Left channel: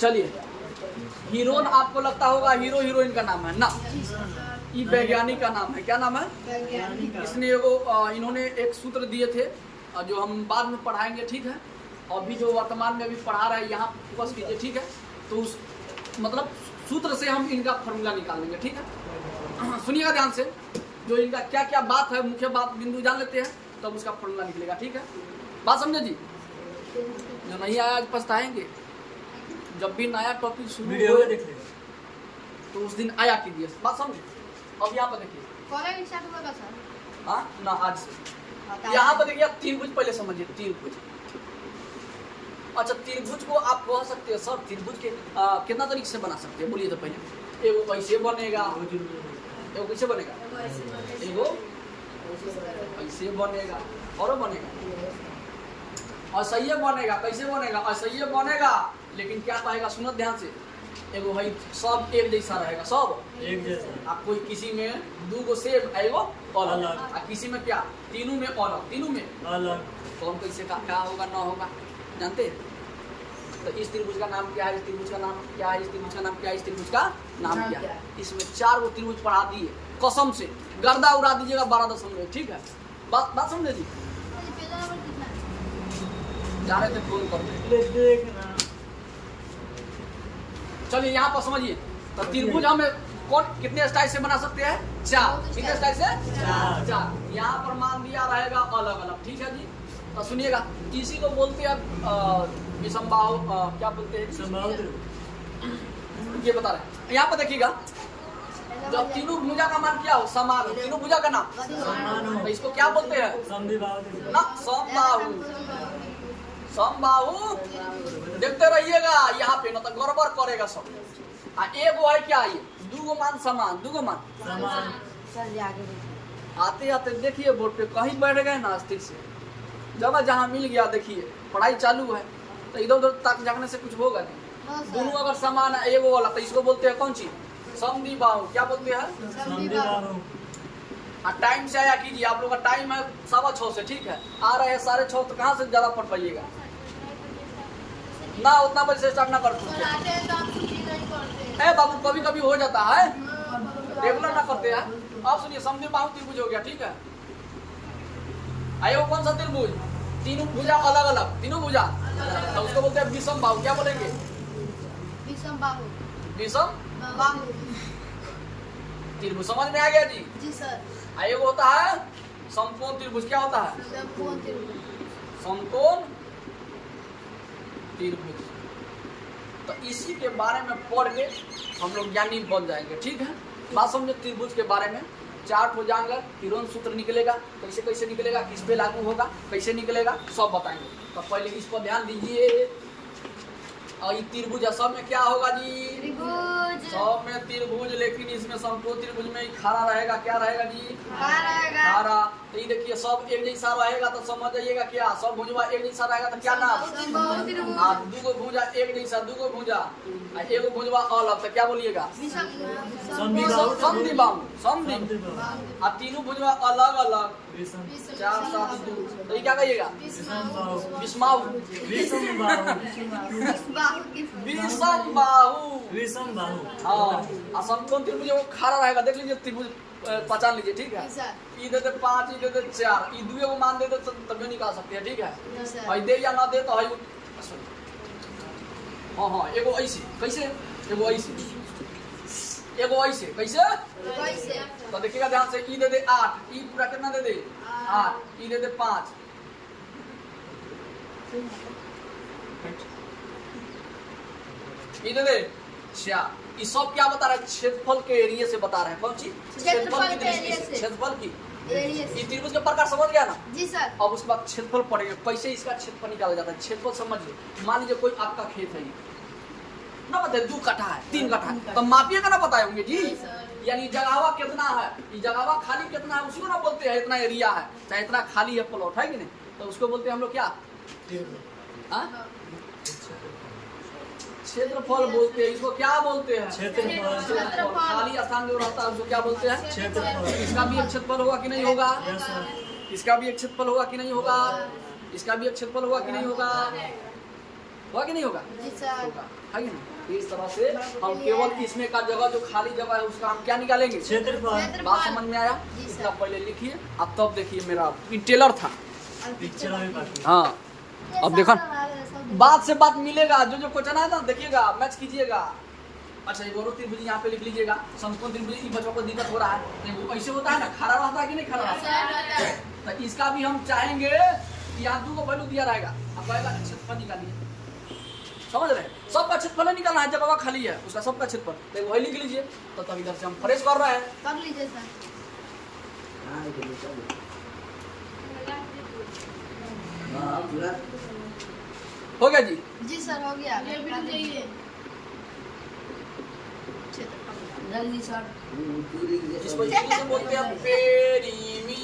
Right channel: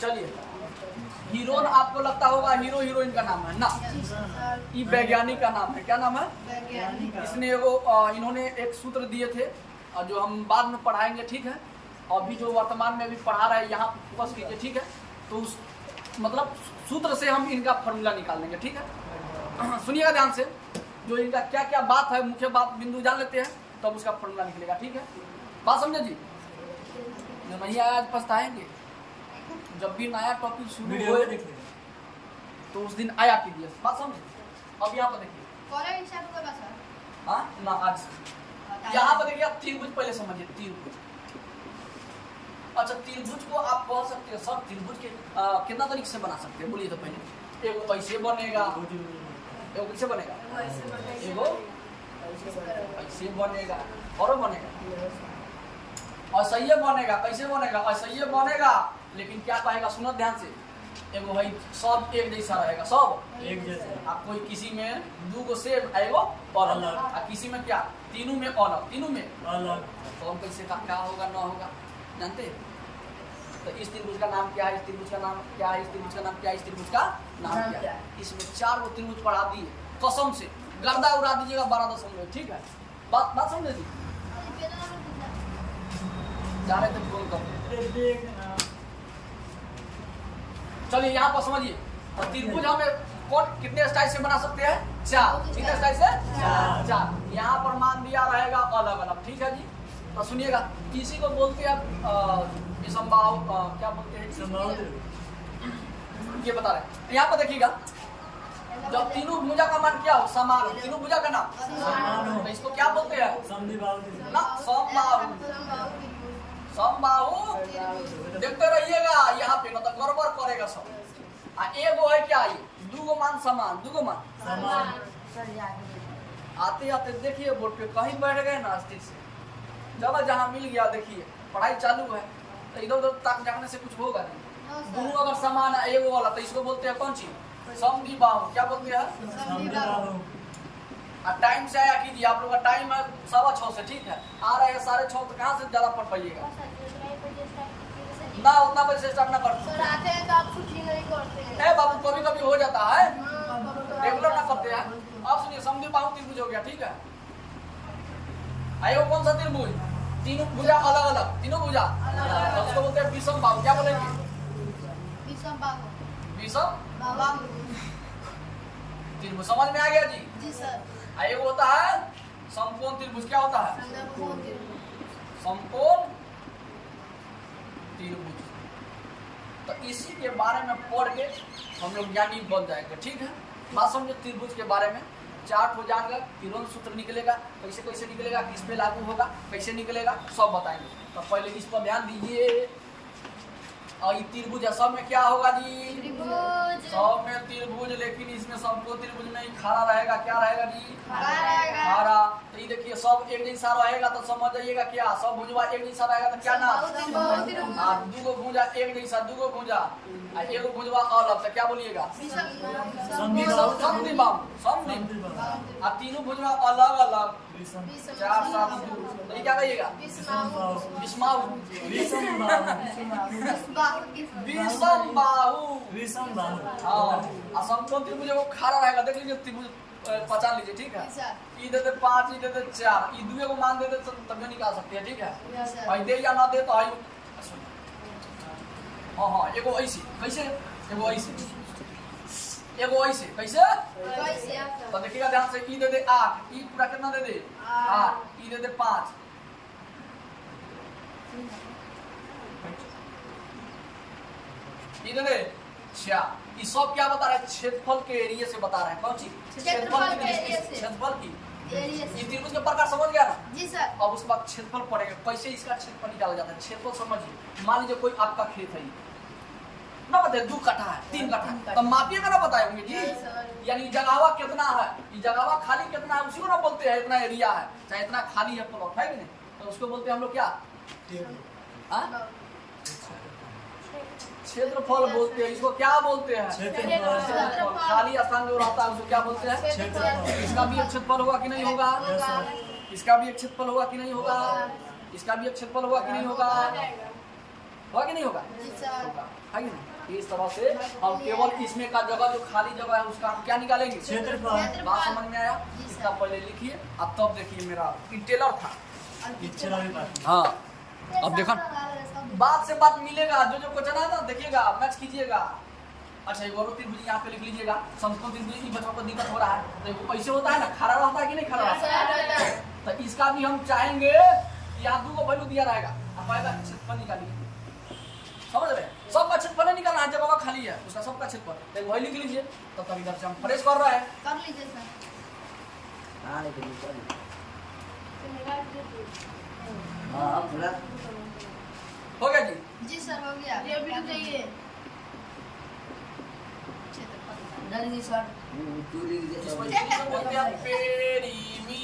चलिए, हीरोइन आपको लगता होगा हीरो हीरोइन का नाम है ना, ये वैज्ञानिक का नाम है। क्या नाम है? इसने इन्होंने एक सूत्र दिए थे जो हम बाद में पढ़ाएंगे, ठीक है। अभी जो वर्तमान में अभी पढ़ा रहे हैं यहाँ फोकस कीजिए, ठीक है। तो उस मतलब सूत्र से हम इनका फॉर्मूला निकाल लेंगे, ठीक है। सुनिएगा ध्यान से, जो इनका क्या क्या बात है, मुख्य बात बिंदु जान लेते हैं, तब उसका फॉर्मूला निकलेगा, ठीक है। बात समझे जी? जो नहीं आया आज पछताएंगे। जब भी नया टॉपिक शुरू हो तो उस दिन आया कीजिए, बात समझे। अब यहाँ पर देखिए, हाँ ना, आज से यहाँ पर देखिए, आप त्रिभुज पहले समझिए। त्रिभुज, अच्छा त्रिभुज को आप कह सकते हैं सर, त्रिभुज के कितना तरीके से बना सकते हैं, बोलिए तो पहले। एगो ऐसे बनेगा, एगो कैसे बनेगा, एगो ऐसे बनेगा, और बनेगा असह्य बनेगा। कैसे बनेगा? असह्य बनेगा, लेकिन क्या कहेगा, सुनो ध्यान से। एगो है सब एक जैसा रहेगा, सब एक जैसा। आप कोई किसी में दो गो सेब एगो अलग, और किसी में क्या, तीनों में अलग, तीनों में अलग। कौन कैसे का क्या होगा ना होगा, जानते हैं? तो इस त्रिभुज का नाम क्या है, इस त्रिभुज का नाम क्या है, इस त्रिभुज का नाम क्या है, इस त्रिभुज का नाम क्या है। इसमें 4 गो त्रिभुज पढ़ा दिए, कसम से गर्दा उड़ा दीजिएगा 12 ठीक है। बात समझे जी? जा रहे थे फोन कर, चलिए यहाँ पर समझिए। तो त्रिभुज हम कितने स्टाइल से बना सकते हैं? 4। कितने स्टाइल से? 4। यहाँ पर मान दिया रहेगा अलग अलग, ठीक है जी। तो सुनिएगा, इसी को बोलते हैं विषमबाहु, क्या बोलते हैं, ये बता रहे हैं। यहाँ पर देखिएगा, जब तीनों भुजा का मान क्या हो, समान हो, तीनों भुजा का नाम समान हो, तो इसको क्या बोलते हैं? ना, समबाहु। समबाहु देखते रहिएगा यहाँ पे, मतलब गड़बड़ करेगा सब। एगो है क्या, ये दूगो मान समान, दूगो मान समान। आते आते देखिए बोर्ड पे कहीं बैठ गए ना, अस्थिर से जगह जहाँ मिल गया, देखिए पढ़ाई चालू है, तो इधर उधर ताक जागने से कुछ होगा नहीं। दोनों अगर समान है, एगो वाला, तो इसको बोलते हैं कौन चीज, समद्विबाहु। क्या बोलते हैं? समद्विबाहु। टाइम से आया कीजिए, आप लोग का टाइम है 6:15 से, ठीक है। आ रहे हैं 6:30, तो कहाँ से ज्यादा पढ़ पाइएगा ना, उतना बजे से स्टार्ट ना कर बाबू, कभी कभी हो जाता है, रेगुलर ना करते हैं। आप सुनिए, समद्विबाहु त्रिभुज हो गया, ठीक है। आयो कौन सा त्रिभुज, तीनों भुजा अलग अलग, तीनों भुजा, तो उसको बोलते हैं विषमबाहु। क्या बोलेंगे? विषम त्रिभुज। समझ में आ गया जी? जी सर। आयो होता है समकोण त्रिभुज। क्या होता है? समकोण त्रिभुज। तो इसी के बारे में पढ़ के हम लोग ज्ञानी बन जाएंगे, ठीक है। बात समझे, त्रिभुज के बारे में 4 हो जाएंगे, किरण सूत्र निकलेगा, कैसे कैसे निकलेगा, किस पे लागू होगा, कैसे निकलेगा, सब बताएंगे। तो पहले इस पर ध्यान दीजिए। और ये त्रिभुज है, सब में क्या होगा जी, सब में त्रिभुज, लेकिन इसमें समकोण त्रिभुज में खड़ा रहेगा, क्या रहेगा जी, खड़ा। तो ये देखिए, सब एक जैसा रहेगा, तो समझ जाइएगा क्या, सब भुजवा एक जैसा रहेगा, तो क्या नाम, दूगो भुजा एक जैसा, दूगो भुजा एगो भुजवा अलग, तो क्या बोलिएगा, समद्विबाहु। समद्विबाहु। और तीनों भुजवा अलग अलग, 4 7 2, तो ये क्या कहिएगा, विषमबाहु। विषमबाहु। हाँ, समकोण त्रिभुज वो खड़ा रहेगा, देख लीजिए त्रिभुज पहचान लीजिए, ठीक है। ई देते 5, ई देते 4, ई दुए को मान देते तो तभी निकाल सकते हैं, ठीक है। भाई दे या ना दे तो है, हाँ हाँ, एगो ऐसे कैसे, एगो ऐसे, एगो ऐसे कैसे, तो देखिएगा ध्यान से। ई दे दे 8, ई पूरा कितना दे दे 8, ई दे दे 5, ई दे दे 6। ये सब क्या बता रहे हैं, क्षेत्रफल के एरिया से बता रहे हैं। कौन सी? क्षेत्रफल की दृष्टि से, क्षेत्रफल की। ये त्रिभुज के प्रकार समझ गया ना जी सर। अब उसके बाद क्षेत्रफल पड़ेगा, कैसे इसका क्षेत्रफल निकाला जाता है। क्षेत्रफल समझिए, मान लीजिए कोई आपका खेत है, ना बताए 2 कट्ठा है, 3 कट्ठा है, तो मापिएगा ना, बताए होंगे जी। यानी जगहवा कितना है, ये जगहवा खाली कितना है, उसी को ना बोलते हैं इतना एरिया है, चाहे इतना खाली है प्लॉट है कि नहीं, तो उसको बोलते हैं हम लोग क्या, क्षेत्रफल बोलते हैं। इसको क्या बोलते हैं, क्षेत्रफल। खाली स्थान जो रहता है उसको क्या बोलते हैं, क्षेत्रफल। इसका भी एक क्षेत्रफल होगा कि नहीं होगा, इसका भी एक क्षेत्रफल होगा कि नहीं होगा, इसका भी एक क्षेत्रफल होगा कि नहीं होगा। होगा कि नहीं होगा? जी सर। होगा, है कि नहीं? इस तरह से हम केवल इसमें का जगह जो खाली जगह है उसका हम क्या निकालेंगे? क्षेत्रफल। बात समझ में आया? जी सर। इसका पहले लिखिए, अब तब देखिए मेरा टेलर था। पिक्चर अभी बाकी। हाँ, अब देखो बात से बात मिलेगा, जो जो क्वेश्चन आया था देखिएगा, मैच कीजिएगा। अच्छा एक और त्रिभुज यहाँ पे लिख लीजिएगा, समकोण त्रिभुज। ई बच्चों को दिक्कत हो रहा है, तो ऐसे होता है ना, खड़ा रहता है कि नहीं खड़ा रहता है? तो इसका भी हम चाहेंगे कि यहाँ 2 को वैल्यू दिया रहेगा, अब आएगा क्षेत्रफल निकालिए। समझ रहे हैं? सबका क्षेत्रफल निकालना है, जगह खाली है उसका सबका क्षेत्रफल, तो वही लिख लीजिए। तो तब इधर से हम फ्रेश कर रहे हैं। कर लीजिए सर। हाँ पूरा हो गया जी? जी सर हो गया। जल्दी सर इसको इंग्लिश में बोलते हैं पेरीमीटर।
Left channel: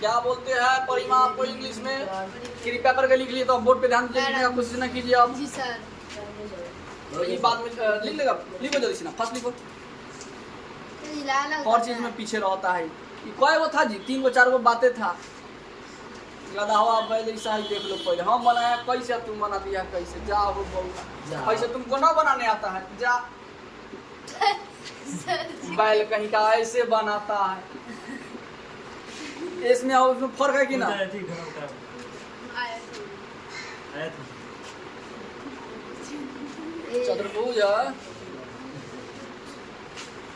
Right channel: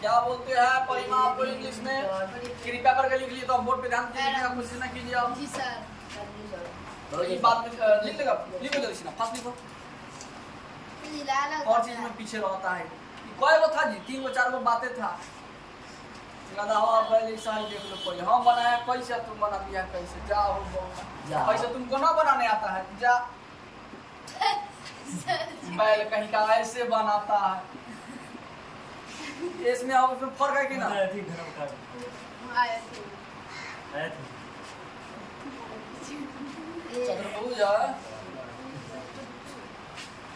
क्या बोलते हैं परिमाप को इंग्लिश में? कृपया करके लिख लिए, तो बोर्ड पे ध्यान दीजिए, लिखने का कोशिश न कीजिए आप। जी सर। तो ये बाद में लिख लेगा, लिखो जल्दी से ना, फर्स्ट लिखो। और चीज में पीछे रहता है। ये कई वो था जी? 3 गो 4 गो बातें था। लगा हुआ बैल ऐसा ही देख लो पहले। हम बनाया कैसे, तुम बना दिया कैसे? जा हो बोलना, ऐसे तुमको ना बनाने आता है? जा बैल कहीं का ऐसे बनाता है। इसमें और उसमें फर्क है कि ना? आया थी घरों का। आया थी। चतुर्भुज।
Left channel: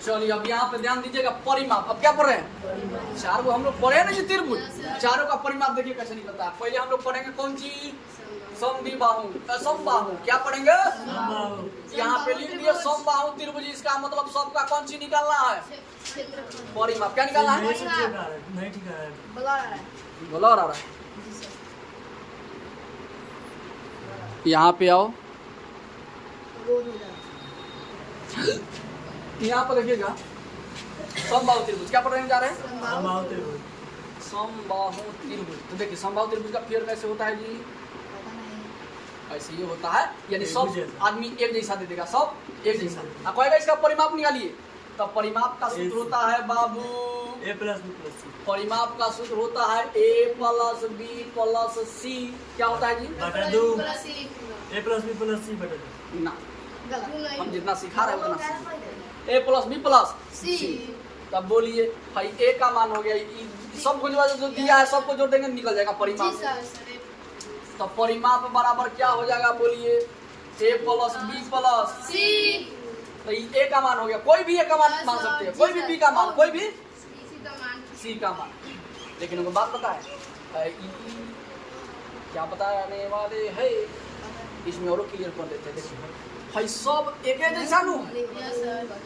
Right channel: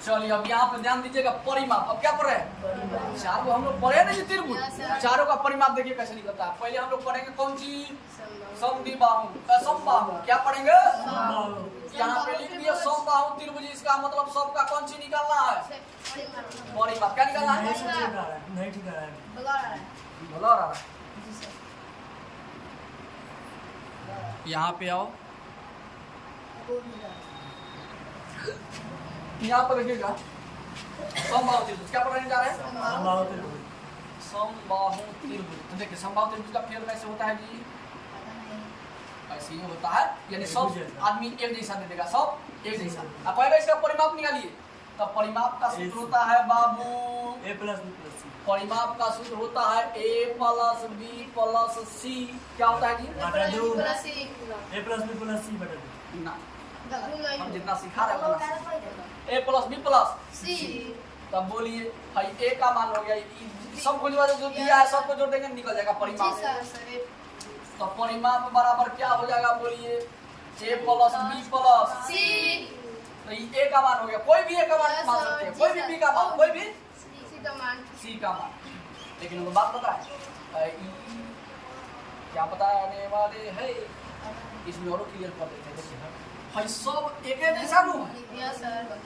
चलिए अब यहाँ पे ध्यान दीजिएगा, परिमाप। अब क्या पढ़ रहे हैं? 4 गो हम लोग पढ़े ना जी त्रिभुज, चारों का परिमाप देखिए कैसे निकलता है। पहले हम लोग पढ़ेंगे कौन सी? समद्विबाहु, समबाहु। क्या पढ़ेंगे? यहाँ पे लिख दिया समबाहु त्रिभुज। इसका मतलब सबका कौन सी निकालना है? परिमाप। क्या निकालना है? नहीं ठीक है। बोलो रहा। यहाँ पे आओ, यहाँ पर रखिएगा समबाहु त्रिभुज। क्या पढ़ने जा रहे हैं? समबाहु त्रिभुज। समबाहु त्रिभुज। तो देखिए समबाहु त्रिभुज का फिगर कैसे होता है जी? ऐसे ही होता है, यानी सब आदमी एक जैसा दे देगा, सब एक जैसा। अब कहेगा इसका परिमाप निकालिए, तो परिमाप का सूत्र होता है बाबू A + B + C। परिमाप का सूत्र होता है A + B + C। क्या होता है जी? बटा 2। A + B + C बटा 2। ना, हम जितना सिखा रहे हैं उतना A + B + C। तब बोलिए भाई A का मान हो गया, सबको जो दिया है सबको जोड़ देंगे, निकल जाएगा परिमाप। तो परिमाप बराबर क्या हो जाएगा? बोलिए A + B + C। तो ये A का मान हो गया। कोई भी A का मान मान सकते हैं, कोई भी B का मान, कोई भी C का मान। लेकिन उनको बात पता है, क्या बताने वाले है, इसमें और क्लियर कर देते हैं। देखिए भाई सब एक जैसा नु,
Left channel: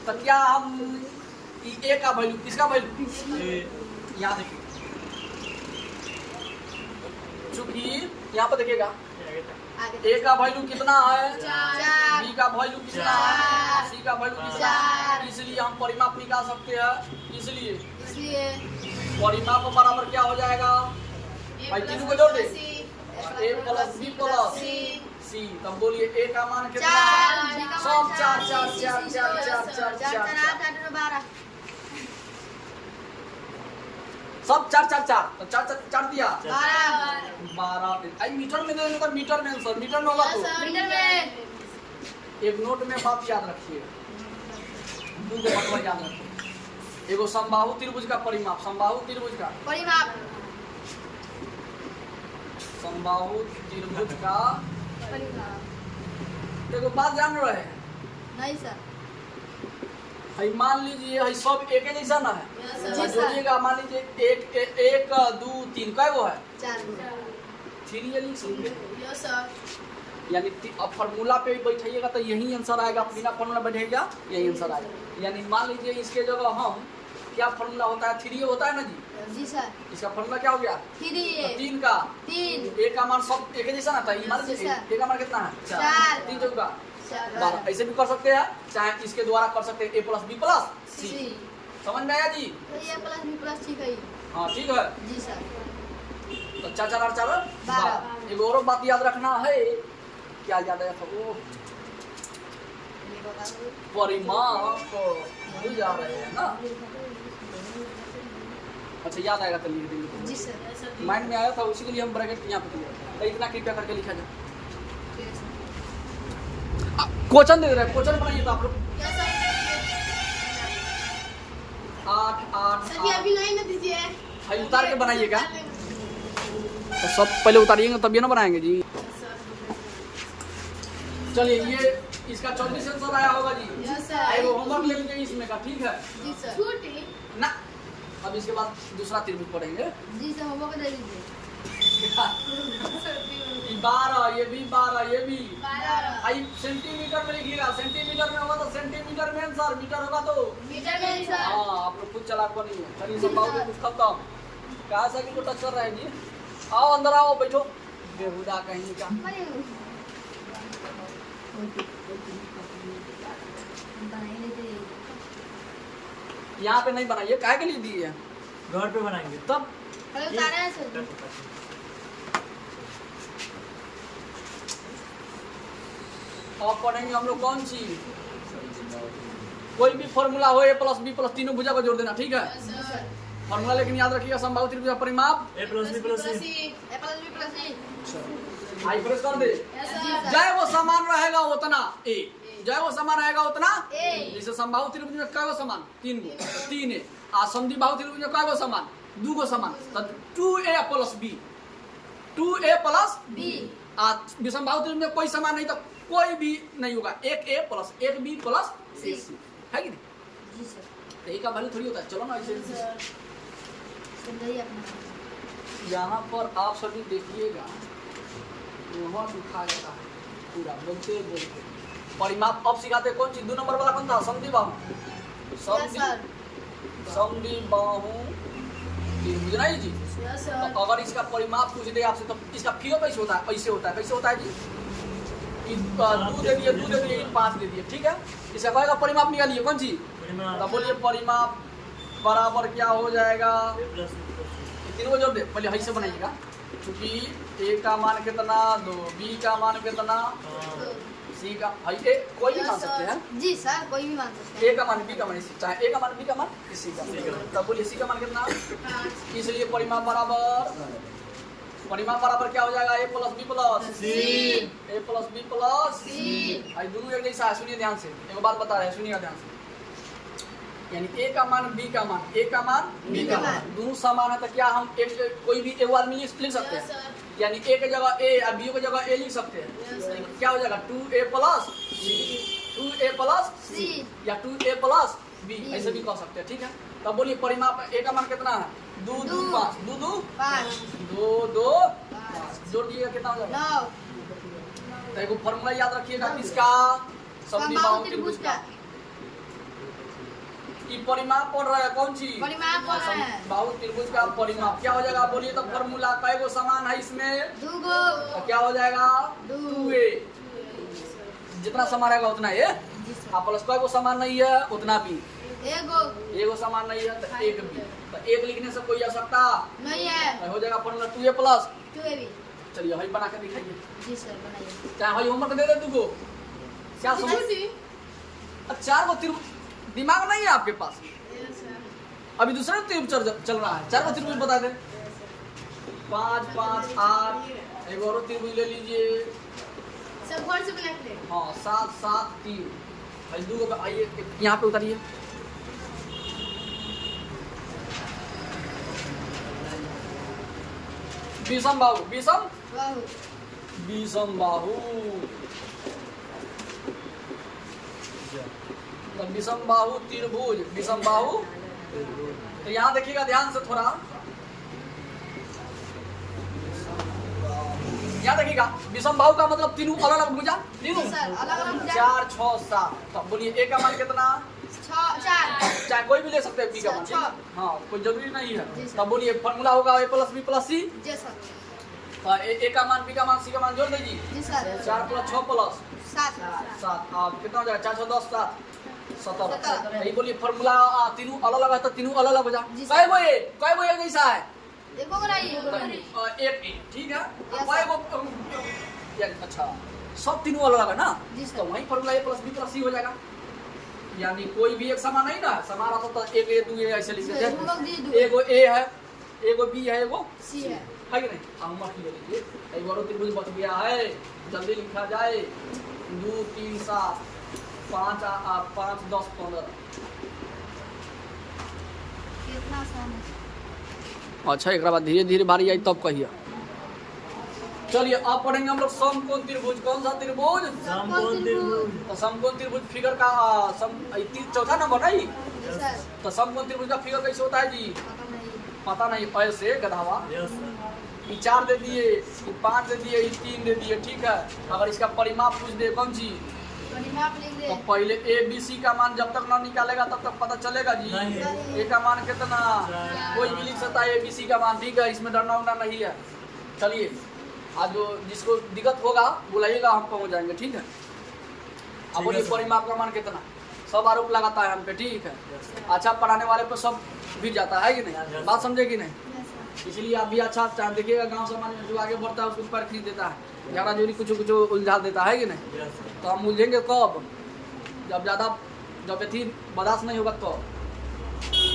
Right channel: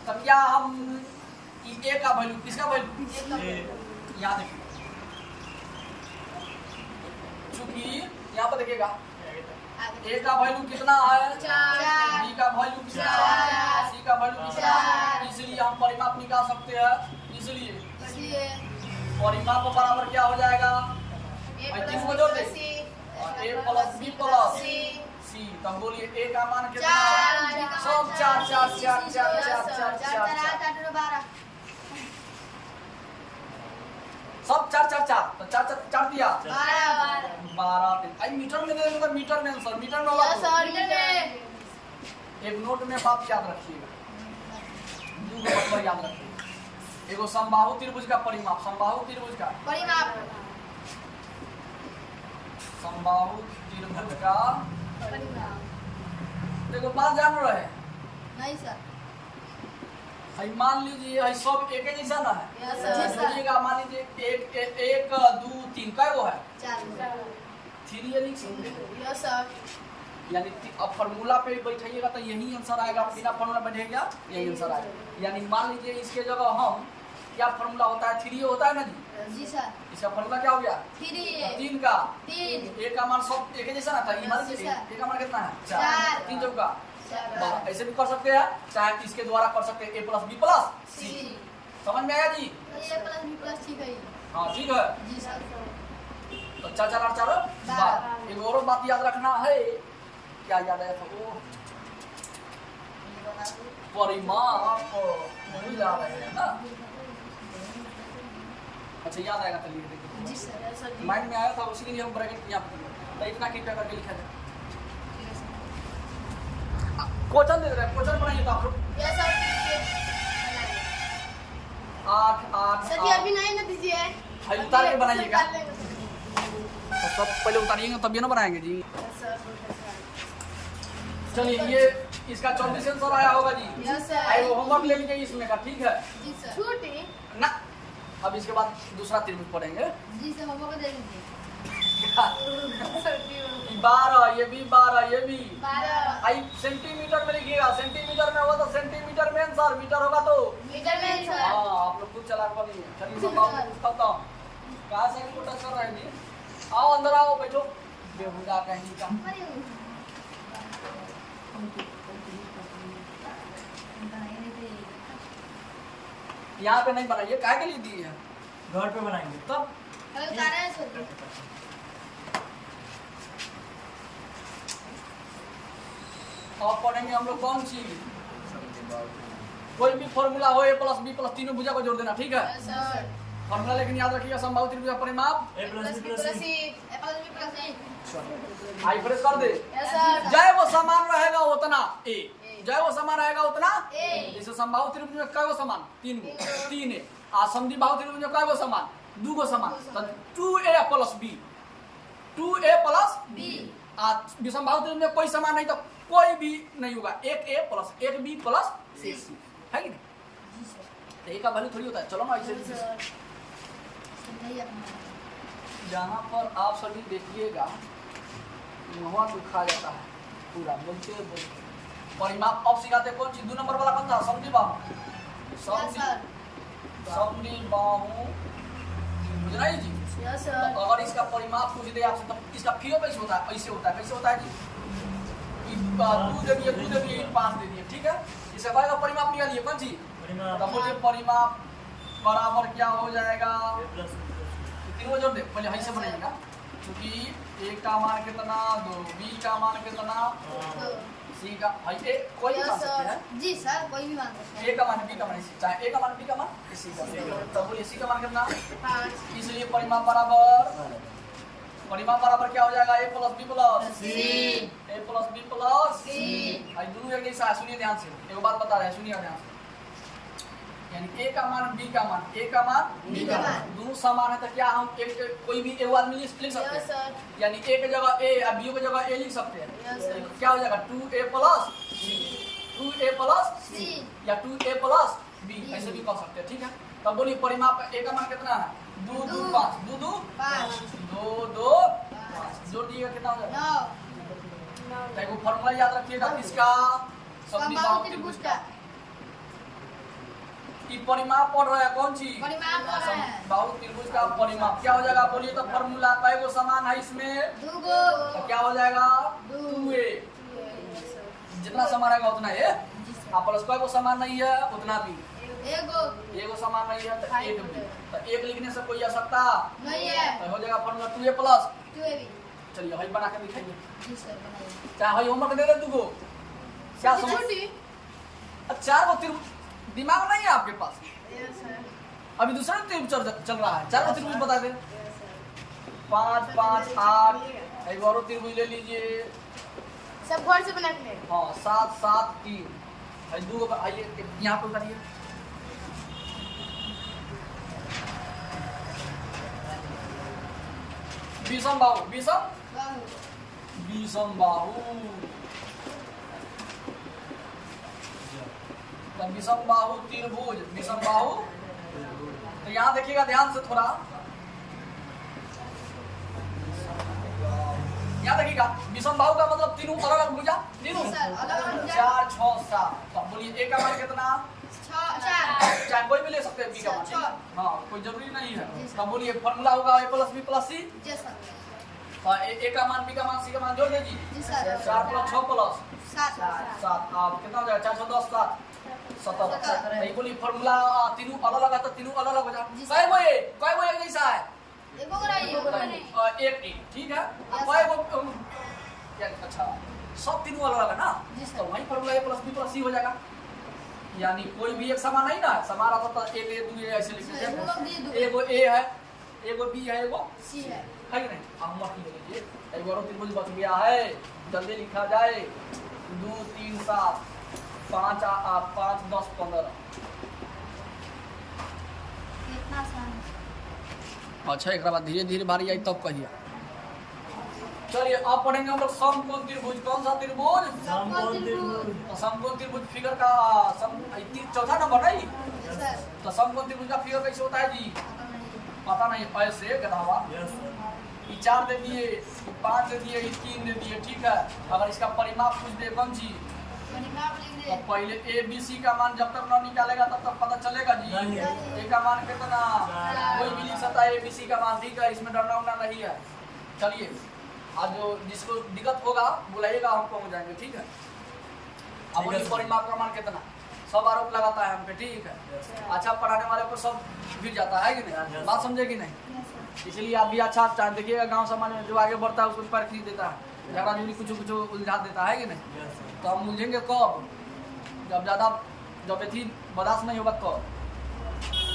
तो क्या हम A का वैल्यू, किसका वैल्यू? यहाँ देखिए, चूंकि यहाँ पर देखिएगा A का वैल्यू कितना है, B का वैल्यू कितना है, C का वैल्यू कितना है, इसलिए हम परिमाप निकाल सकते हैं। इसलिए परिमाप बराबर क्या हो जाएगा? भाई तीन को जोड़ दे, A + B + C। तब बोलिए A का मान कितना है? सब 4 4 4 4 4 4 4 4 सब 4 4 4, तो 4 4 4 दिया 12। आई मीटर में दे देगा, मीटर में आंसर, मीटर में होगा तो एक नोट में बात याद रखिएगा, 2 बटवा याद रखिएगा। एगो समबाहु त्रिभुज का परिमाप, समबाहु त्रिभुज का समबाहु त्रिभुज का देखो बात जान रहे हैं? नहीं सर। भाई मान लीजिए भाई सब एक ही जैसा ना है, जोड़िएगा। मान लीजिए 1 2 3 कै गो है? 4 3 लिख सकते, यानी अब फार्मूला पे बैठाइएगा तो यही आंसर आएगा, बिना फार्मूला बैठेगा यही आंसर आएगा। यानी मान लीजिए इसके जगह हम क्या फार्मूला होता है? 3 होता है ना जी? जी सर। इसका फार्मूला क्या हो गया? 3 का 1 का मान सब एक जैसा ना था। मान लीजिए A का मान कितना है? 4। 3 चौका 12। ऐसे भी कर सकते हैं, चाहे इसके द्वारा कर सकते हैं A + B + C। समझ में आया जी? A + B + C है। हाँ ठीक है जी सर। तो 4 4 8 4 12। एक और बात याद रखना है, क्या याद आया था? वो परिमाप भूल जा रहे हैं ना। अच्छा याद आएगा तो लिख देंगे। जी सर। माइंड में आया था, उसी के लिए हम ब्रैकेट यहाँ पे दिया। तो इतना कृपया करके लिखा जाए। क्वेश्चन दे रहे हैं, क्वेश्चन बनाइए तो आप लोग। यस सर 8 8 सर जी अभी नहीं ना दीजिए भाई उतार के बनाइएगा। तो सब पहले उतारिएगा तभी ना बनाएंगे जी। चलिए ये इसका 24 आंसर आया होगा जी। यस सर आए वो होमवर्क ले लीजिए इसमें का, ठीक है जी सर। छुट्टी ना। अब इसके बाद दूसरा त्रिभुज पढ़ेंगे। जी सर होमवर्क दे दीजिए। ये 12, ये भी 12, ये भी 12 आई सेंटीमीटर में लिखिएगा। सेंटीमीटर में होगा तो सेंटीमीटर में आंसर, मीटर होगा तो मीटर में सर हाँ। आप लोग खुद चलाक बनिए। चलिए संभाव कुछ खत्म। कहाँ से भी टच कर रहे हैं जी? आओ अंदर आओ, बैठो। बेहुदा कहीं का। यहाँ पे नहीं बनाइए, काहे के लिए दिए हैं? घर पे बनाएंगे तब अरे उतारे हैं सर। अब पढ़ेंगे हम लोग कौन सी, कोई भी फॉर्मूला हो a प्लस बी प्लस तीनों भुजा को जोड़ देना, ठीक है। जी सर। फॉर्मूला लेकिन याद रखिएगा, समबाहु त्रिभुज का परिमाप। a plus b plus c a plus b plus c. आई प्रेस कर दे। यस सर जय वो समान रहेगा उतना ए, जय वो समान रहेगा उतना ए। जैसे समबाहु त्रिभुज में कै गो समान, 3 गो, 3 है। आ समद्विबाहु त्रिभुज में कै गो समान, 2 गो समान। तो 2a plus b, 2a plus B. आ विषमबाहु त्रिभुज में कोई समान नहीं तो कोई भी नहीं होगा। 1a plus 1b plus 1c है कि नहीं? जी सर। तो एक का वैल्यू थोड़ी होता है। चलो ना ऐसे समझाइए अपना। यहाँ पर आप सभी देखिएगा, वहाँ लिखा जाता है पूरा बोलते बोलते परिमाप। अब सिखाते हैं कौन सी, 2 नंबर वाला कौन था, समद्विबाहु। Yes sir. समद्विबाहु त्रिभुज नहीं जी। यस तो सर अगर इसका परिमाप पूछ दे आपसे तो इसका फिर कैसे होता है, ऐसे होता है। कैसे होता है जी? कि 2 दे दिए, 2 दे दिए, 5 दे दिए, ठीक है। इसका कहेगा परिमाप निकालिए कौन सी। परिमाप तो बोलिए परिमाप बराबर क्या हो जाएगा। a प्लस c प्लस ये तीनों को जोड़ दे, पहले ऐसे बनाइएगा। क्योंकि a का मान कितना, 2 b का मान कितना, c का भाई ए कोई भी मान सकते हैं। जी सर कोई भी मान सकता है। a का मान b का मान, चाहे a का मान b का मान c का मान। तब बोलिए c का मान कितना। इसलिए परिमाप बराबर क्या हो जाएगा, a plus b plus c a plus b plus C। भाई दोनों एक जैसा है। सुनिए ध्यान से, एक बात बता रहे हैं, सुनिए ध्यान से। यानी a का मान b का मान, a का मान b का मान दोनों समान है तो क्या हम एक कोई भी एक आदमी लिख सकते यस हैं। सर यानी a की जगह a और b की जगह a लिख सकते हैं। यस सर क्या हो जाएगा, 2a plus c, 2a plus C। या 2a प्लस b, ऐसे भी कह सकते हैं, ठीक है। तब बोलिए परिमाप a का मान कितना है, 2 2 5, 2 2 5 2 2 5 जोड़ दिएगा कितना हो जाएगा। 9 तो एक फॉर्मूला याद रखिएगा किसका, समद्विबाहु त्रिभुज का। कि परिमाप पढ़ रहे हैं कौन सी, परिमाप पढ़ रहे हैं। समद्विबाहु त्रिभुज का परिमाप क्या हो जाएगा। बोलिए तो फॉर्मूला कै गो समान है इसमें, 2 गो तो क्या हो जाएगा 2a। जितना समान रहेगा उतना a, जी सर। आप प्लस कै गो समान नहीं है उतना b, एगो एगो समान नहीं है तो एक b। तो एक लिखने से कोई आवश्यकता नहीं है। तो हो जाएगा फॉर्मूला 2a प्लस। 2ab। चलिए वही बना के दिखाइए। जी सर बनाइए। क्या वही होमवर्क दे दे 2 गो, क्या समझ। छुट्टी अब 4 गो त्रिभुज दिमाग नहीं है आपके पास, यस सर अभी दूसरा त्रिभुज चल रहा है। 4 गो त्रिभुज बता दे, 5 5 8। एक और त्रिभुज ले लीजिए, सब घर से बना के ले हाँ 7 7 3। भाई 2 गो आइए यहाँ पे उतारिए। विषमबाहु बाहु विषमबाहु विषमबाहु त्रिभुज, विषमबाहु। तो यहाँ देखिएगा ध्यान से थोड़ा, यहाँ देखिएगा विषमबाहु का मतलब तीनों अलग अलग भुजा, तीनों जी सर अलग-अलग भुजा। 4 6 7। तो बोलिए a का मान कितना, 4 चाहे कोई भी ले सकते हैं b का मान, 6। हाँ कोई जरूरी नहीं है। जी सर। तब बोलिए फॉर्मूला होगा a plus b plus c। जी सर। a का मान b का मान c का मान जोड़ दीजिए, जी सर 4 प्लस 6 प्लस 7 7। अब कितना हो जाएगा, 4 10 7 17। सत्रह। यही बोलिए फॉर्मूला तीनों अलग अलग है तो तीनों अलग अलग हो जाए। जी सर। कै गो एक जैसा है, एगो बनाइए। एक एक, ठीक है। कै गो अच्छा सब तीनों अलग अलग है ना, जी सर। तो वही formula a plus b plus c हो जाएगा। यानी कोई भी एक समान नहीं ना, समान आता तो एक a 2 a ऐसे लिख देते हैं। एगो a है, एगो b है, एगो C है। है कि नहीं। हम मत ले लीजिए, एक और त्रिभुज बच गया है, जल्दी लिखा जाए। 2 3 7 5 5 10 15। कितना आसान है। अच्छा एक बाद धीरे धीरे बारी आई तब कहिए। चलिए अब पढ़ेंगे हम लोग समकोण त्रिभुज। कौन सा त्रिभुज? समकोण त्रिभुज। तो समकोण त्रिभुज फिगर का चौथा नंबर नहीं। सर तो समकोण त्रिभुज का फिगर कैसे होता है जी? पता नहीं। पता नहीं, ऐसे गधावा। Yes sir. ये 4 दे दिए, ये 5 दे दिए, ये 3 दे दिए, ठीक है। अगर इसका परिमाप पूछ दे कौन सी, परिमाप लिख तो दे। पहले ए बी सी का मान जब तक ना निकालेगा तब तक पता चलेगा जी। नहीं। ए का मान कितना? कोई भी लिख सकता है ए बी सी का मान, ठीक है, इसमें डरना उड़ना नहीं है। चलिए आज जो जिसको दिक्कत होगा बुलाइएगा, हम पहुँच जाएंगे, ठीक है। अब बोलिए सर। परिमाप का मान कितना? सब आरोप लगाता है हम पे, ठीक है। अच्छा पढ़ाने वाले पे सब गिर जाता है कि नहीं? Yes. बात समझे कि नहीं? Yes sir. इसलिए आप भी अच्छा चाहे देखिएगा, गांव समाज में जो आगे बढ़ता है उसको पर खींच देता है, झगड़ा जोड़ी कुछ कुछ उलझा देता है कि नहीं? Yes sir. तो हम उलझेंगे कब? जब ज़्यादा जब यथी बर्दाश्त नहीं होगा तो।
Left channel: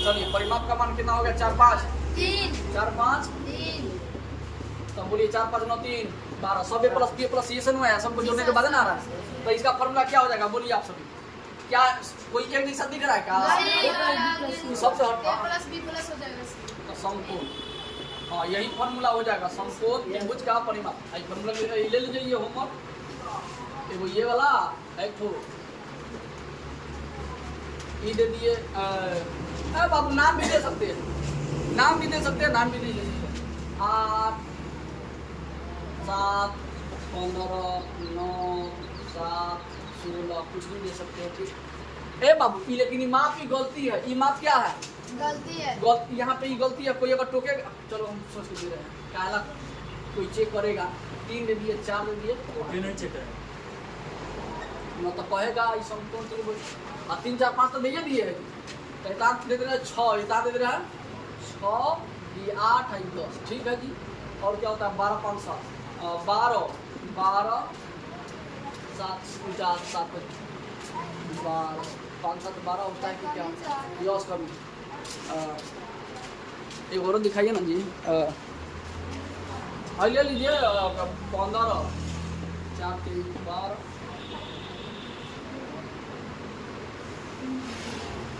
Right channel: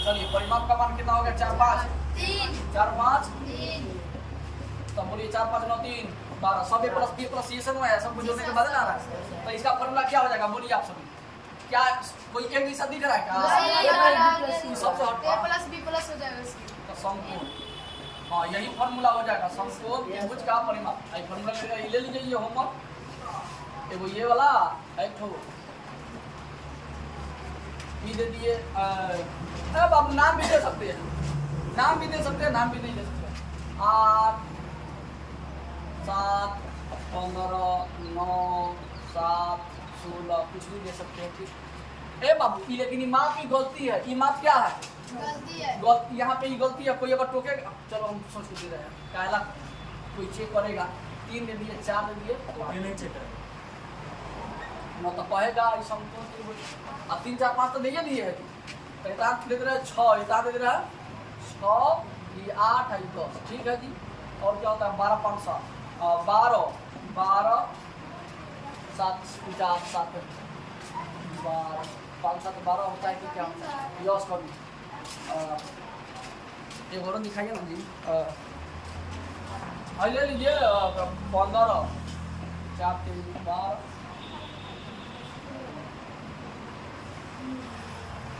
चलिए परिमाप का मान कितना हो गया? 4 5 3 4 5। 3 तो बोलिए 4 5 9 3 12। सब ए प्लस बी प्लस ये सब है, सबको जोड़ने के बाद ना आ रहा है। तो इसका फॉर्मूला क्या हो जाएगा? बोलिए आप सभी। क्या कोई एक नहीं सब दिख रहा है क्या? सबसे हट A प्लस B प्लस हो जाएगा इसमें। तो समकोण, हाँ यही फॉर्मूला हो जाएगा समकोण त्रिभुज का परिमाप। आई फॉर्मूला ले लीजिए, ये होमवर्क एगो ये वाला एक ठो ये दे दिए। बाबू नाम भी दे सकते हैं, नाम भी दे सकते हैं, नाम भी नहीं दे सकते। 8 7 15 9 7 16 कुछ भी दे सकते हैं, ठीक। ए बाबू ये लेकिन ये माप की गलती है। ये माप क्या है? गलती है। यहाँ पे ये गलती है। कोई अगर टोकेगा, चलो हम सोच के दे रहे हैं, काला कोई चेक करेगा, 3 दे दिए 4 दे दिए, ओके नहीं चेक करें। न तो कहेगा ये समकोण त्रिभुज। 3 4 5 तो दिए है। तो इतना दे दे रहे हैं 6, इतना दे दे रहे हैं 6, ये 8 है, 10, ठीक है जी। और क्या होता है? 12 5 7 12 12 7 50 7 12 5 7 12 होता है कि क्या होता है? यस कभी एक और दिखाइए ना जी। ले लीजिए 15 4 3 12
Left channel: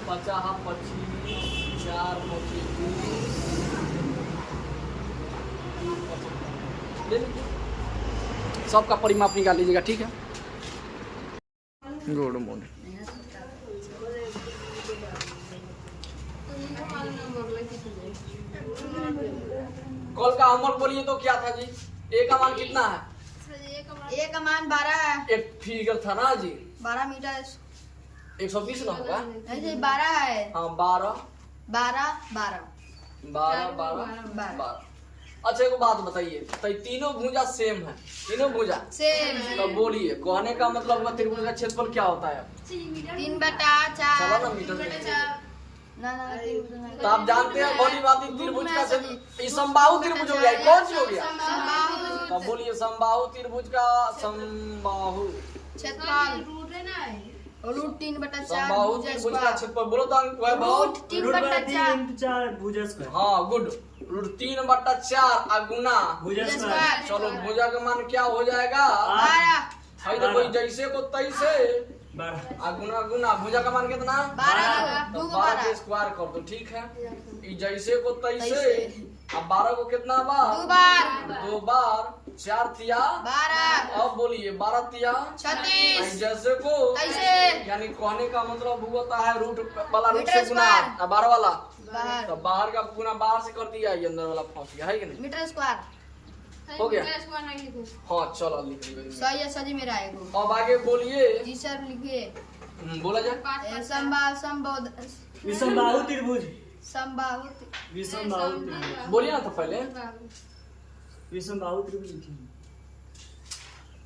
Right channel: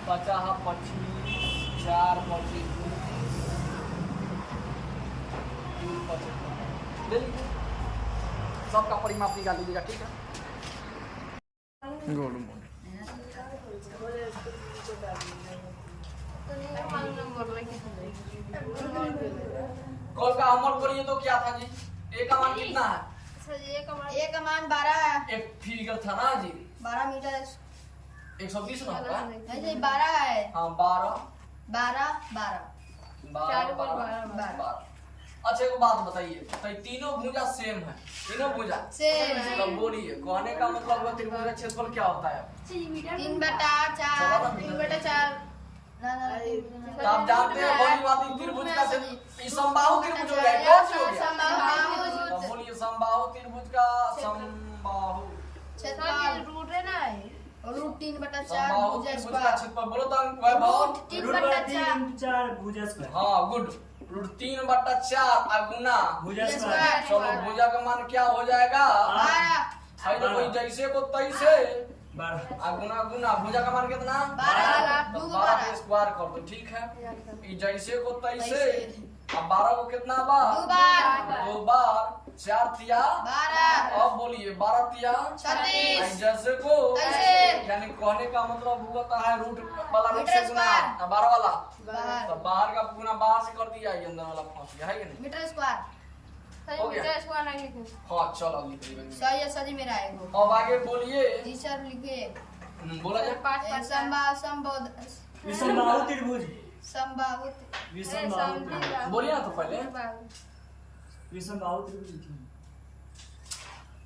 50 25 4 25 20 ले लीजिए, सबका परिमाप निकाल लीजिएगा, ठीक है। Good morning. कॉल का होमवर्क बोलिए तो क्या था जी? ए का मान कितना है? A का मान 12 है। एक फिगर था ना जी, 12 मीटर 120 ना होगा? ऐसे 12 है। हाँ 12 12 12 12 12। अच्छा एक बात बताइए, तो ये तीनों भुजा सेम है? तीनों भुजा सेम। तो बोलिए कहने का मतलब त्रिभुज का क्षेत्रफल क्या होता है? 3/4 चलो ना मीटर में। ना तो आप जानते हैं बड़ी बात ही त्रिभुज का ये समबाहु त्रिभुज हो गया, कौन सी हो गया? अब बोलिए समबाहु त्रिभुज का समबाहु क्षेत्रफल रूट 3/4 समबाहु त्रिभुज का क्षेत्रफल बोलो तो वैभव। रूट बाय 3 × 4 भुजा स्क्वायर। हाँ गुड। रूट 3/4 गुना भुजा स्क्वायर। चलो भुजा का मान क्या हो जाएगा? 12 है तो कोई जैसे को तैसे 12 गुना गुना। भुजा का मान कितना? 12 तो 12 के स्क्वायर कर दो, ठीक है। ये जैसे को तैसे। अब 12 को कितना बार? 2 बार 2 बार 4 तिया 12 अब बोलिए 12 तिया 36 जैसे को ऐसे। यानी कहने का मतलब होता है रूट वाला रूट से मीटर गुना स्क्वायर। 12 वाला। बाहर तो बाहर का गुना बाहर से कर दिया, ये अंदर वाला फंस गया है कि नहीं? Metre square. हो गया? हाँ चलो लिख लीजिए। सही है, सही मेरा है वो। अब आगे बोलिए। जी सर लिखिए। बोला जाए। विषमबाहु त्रिभुज। समबाहु विषमबाहु त्रिभुज। बोलिए ना तो पहले विषमबाहु त्रिभुज लिखिए।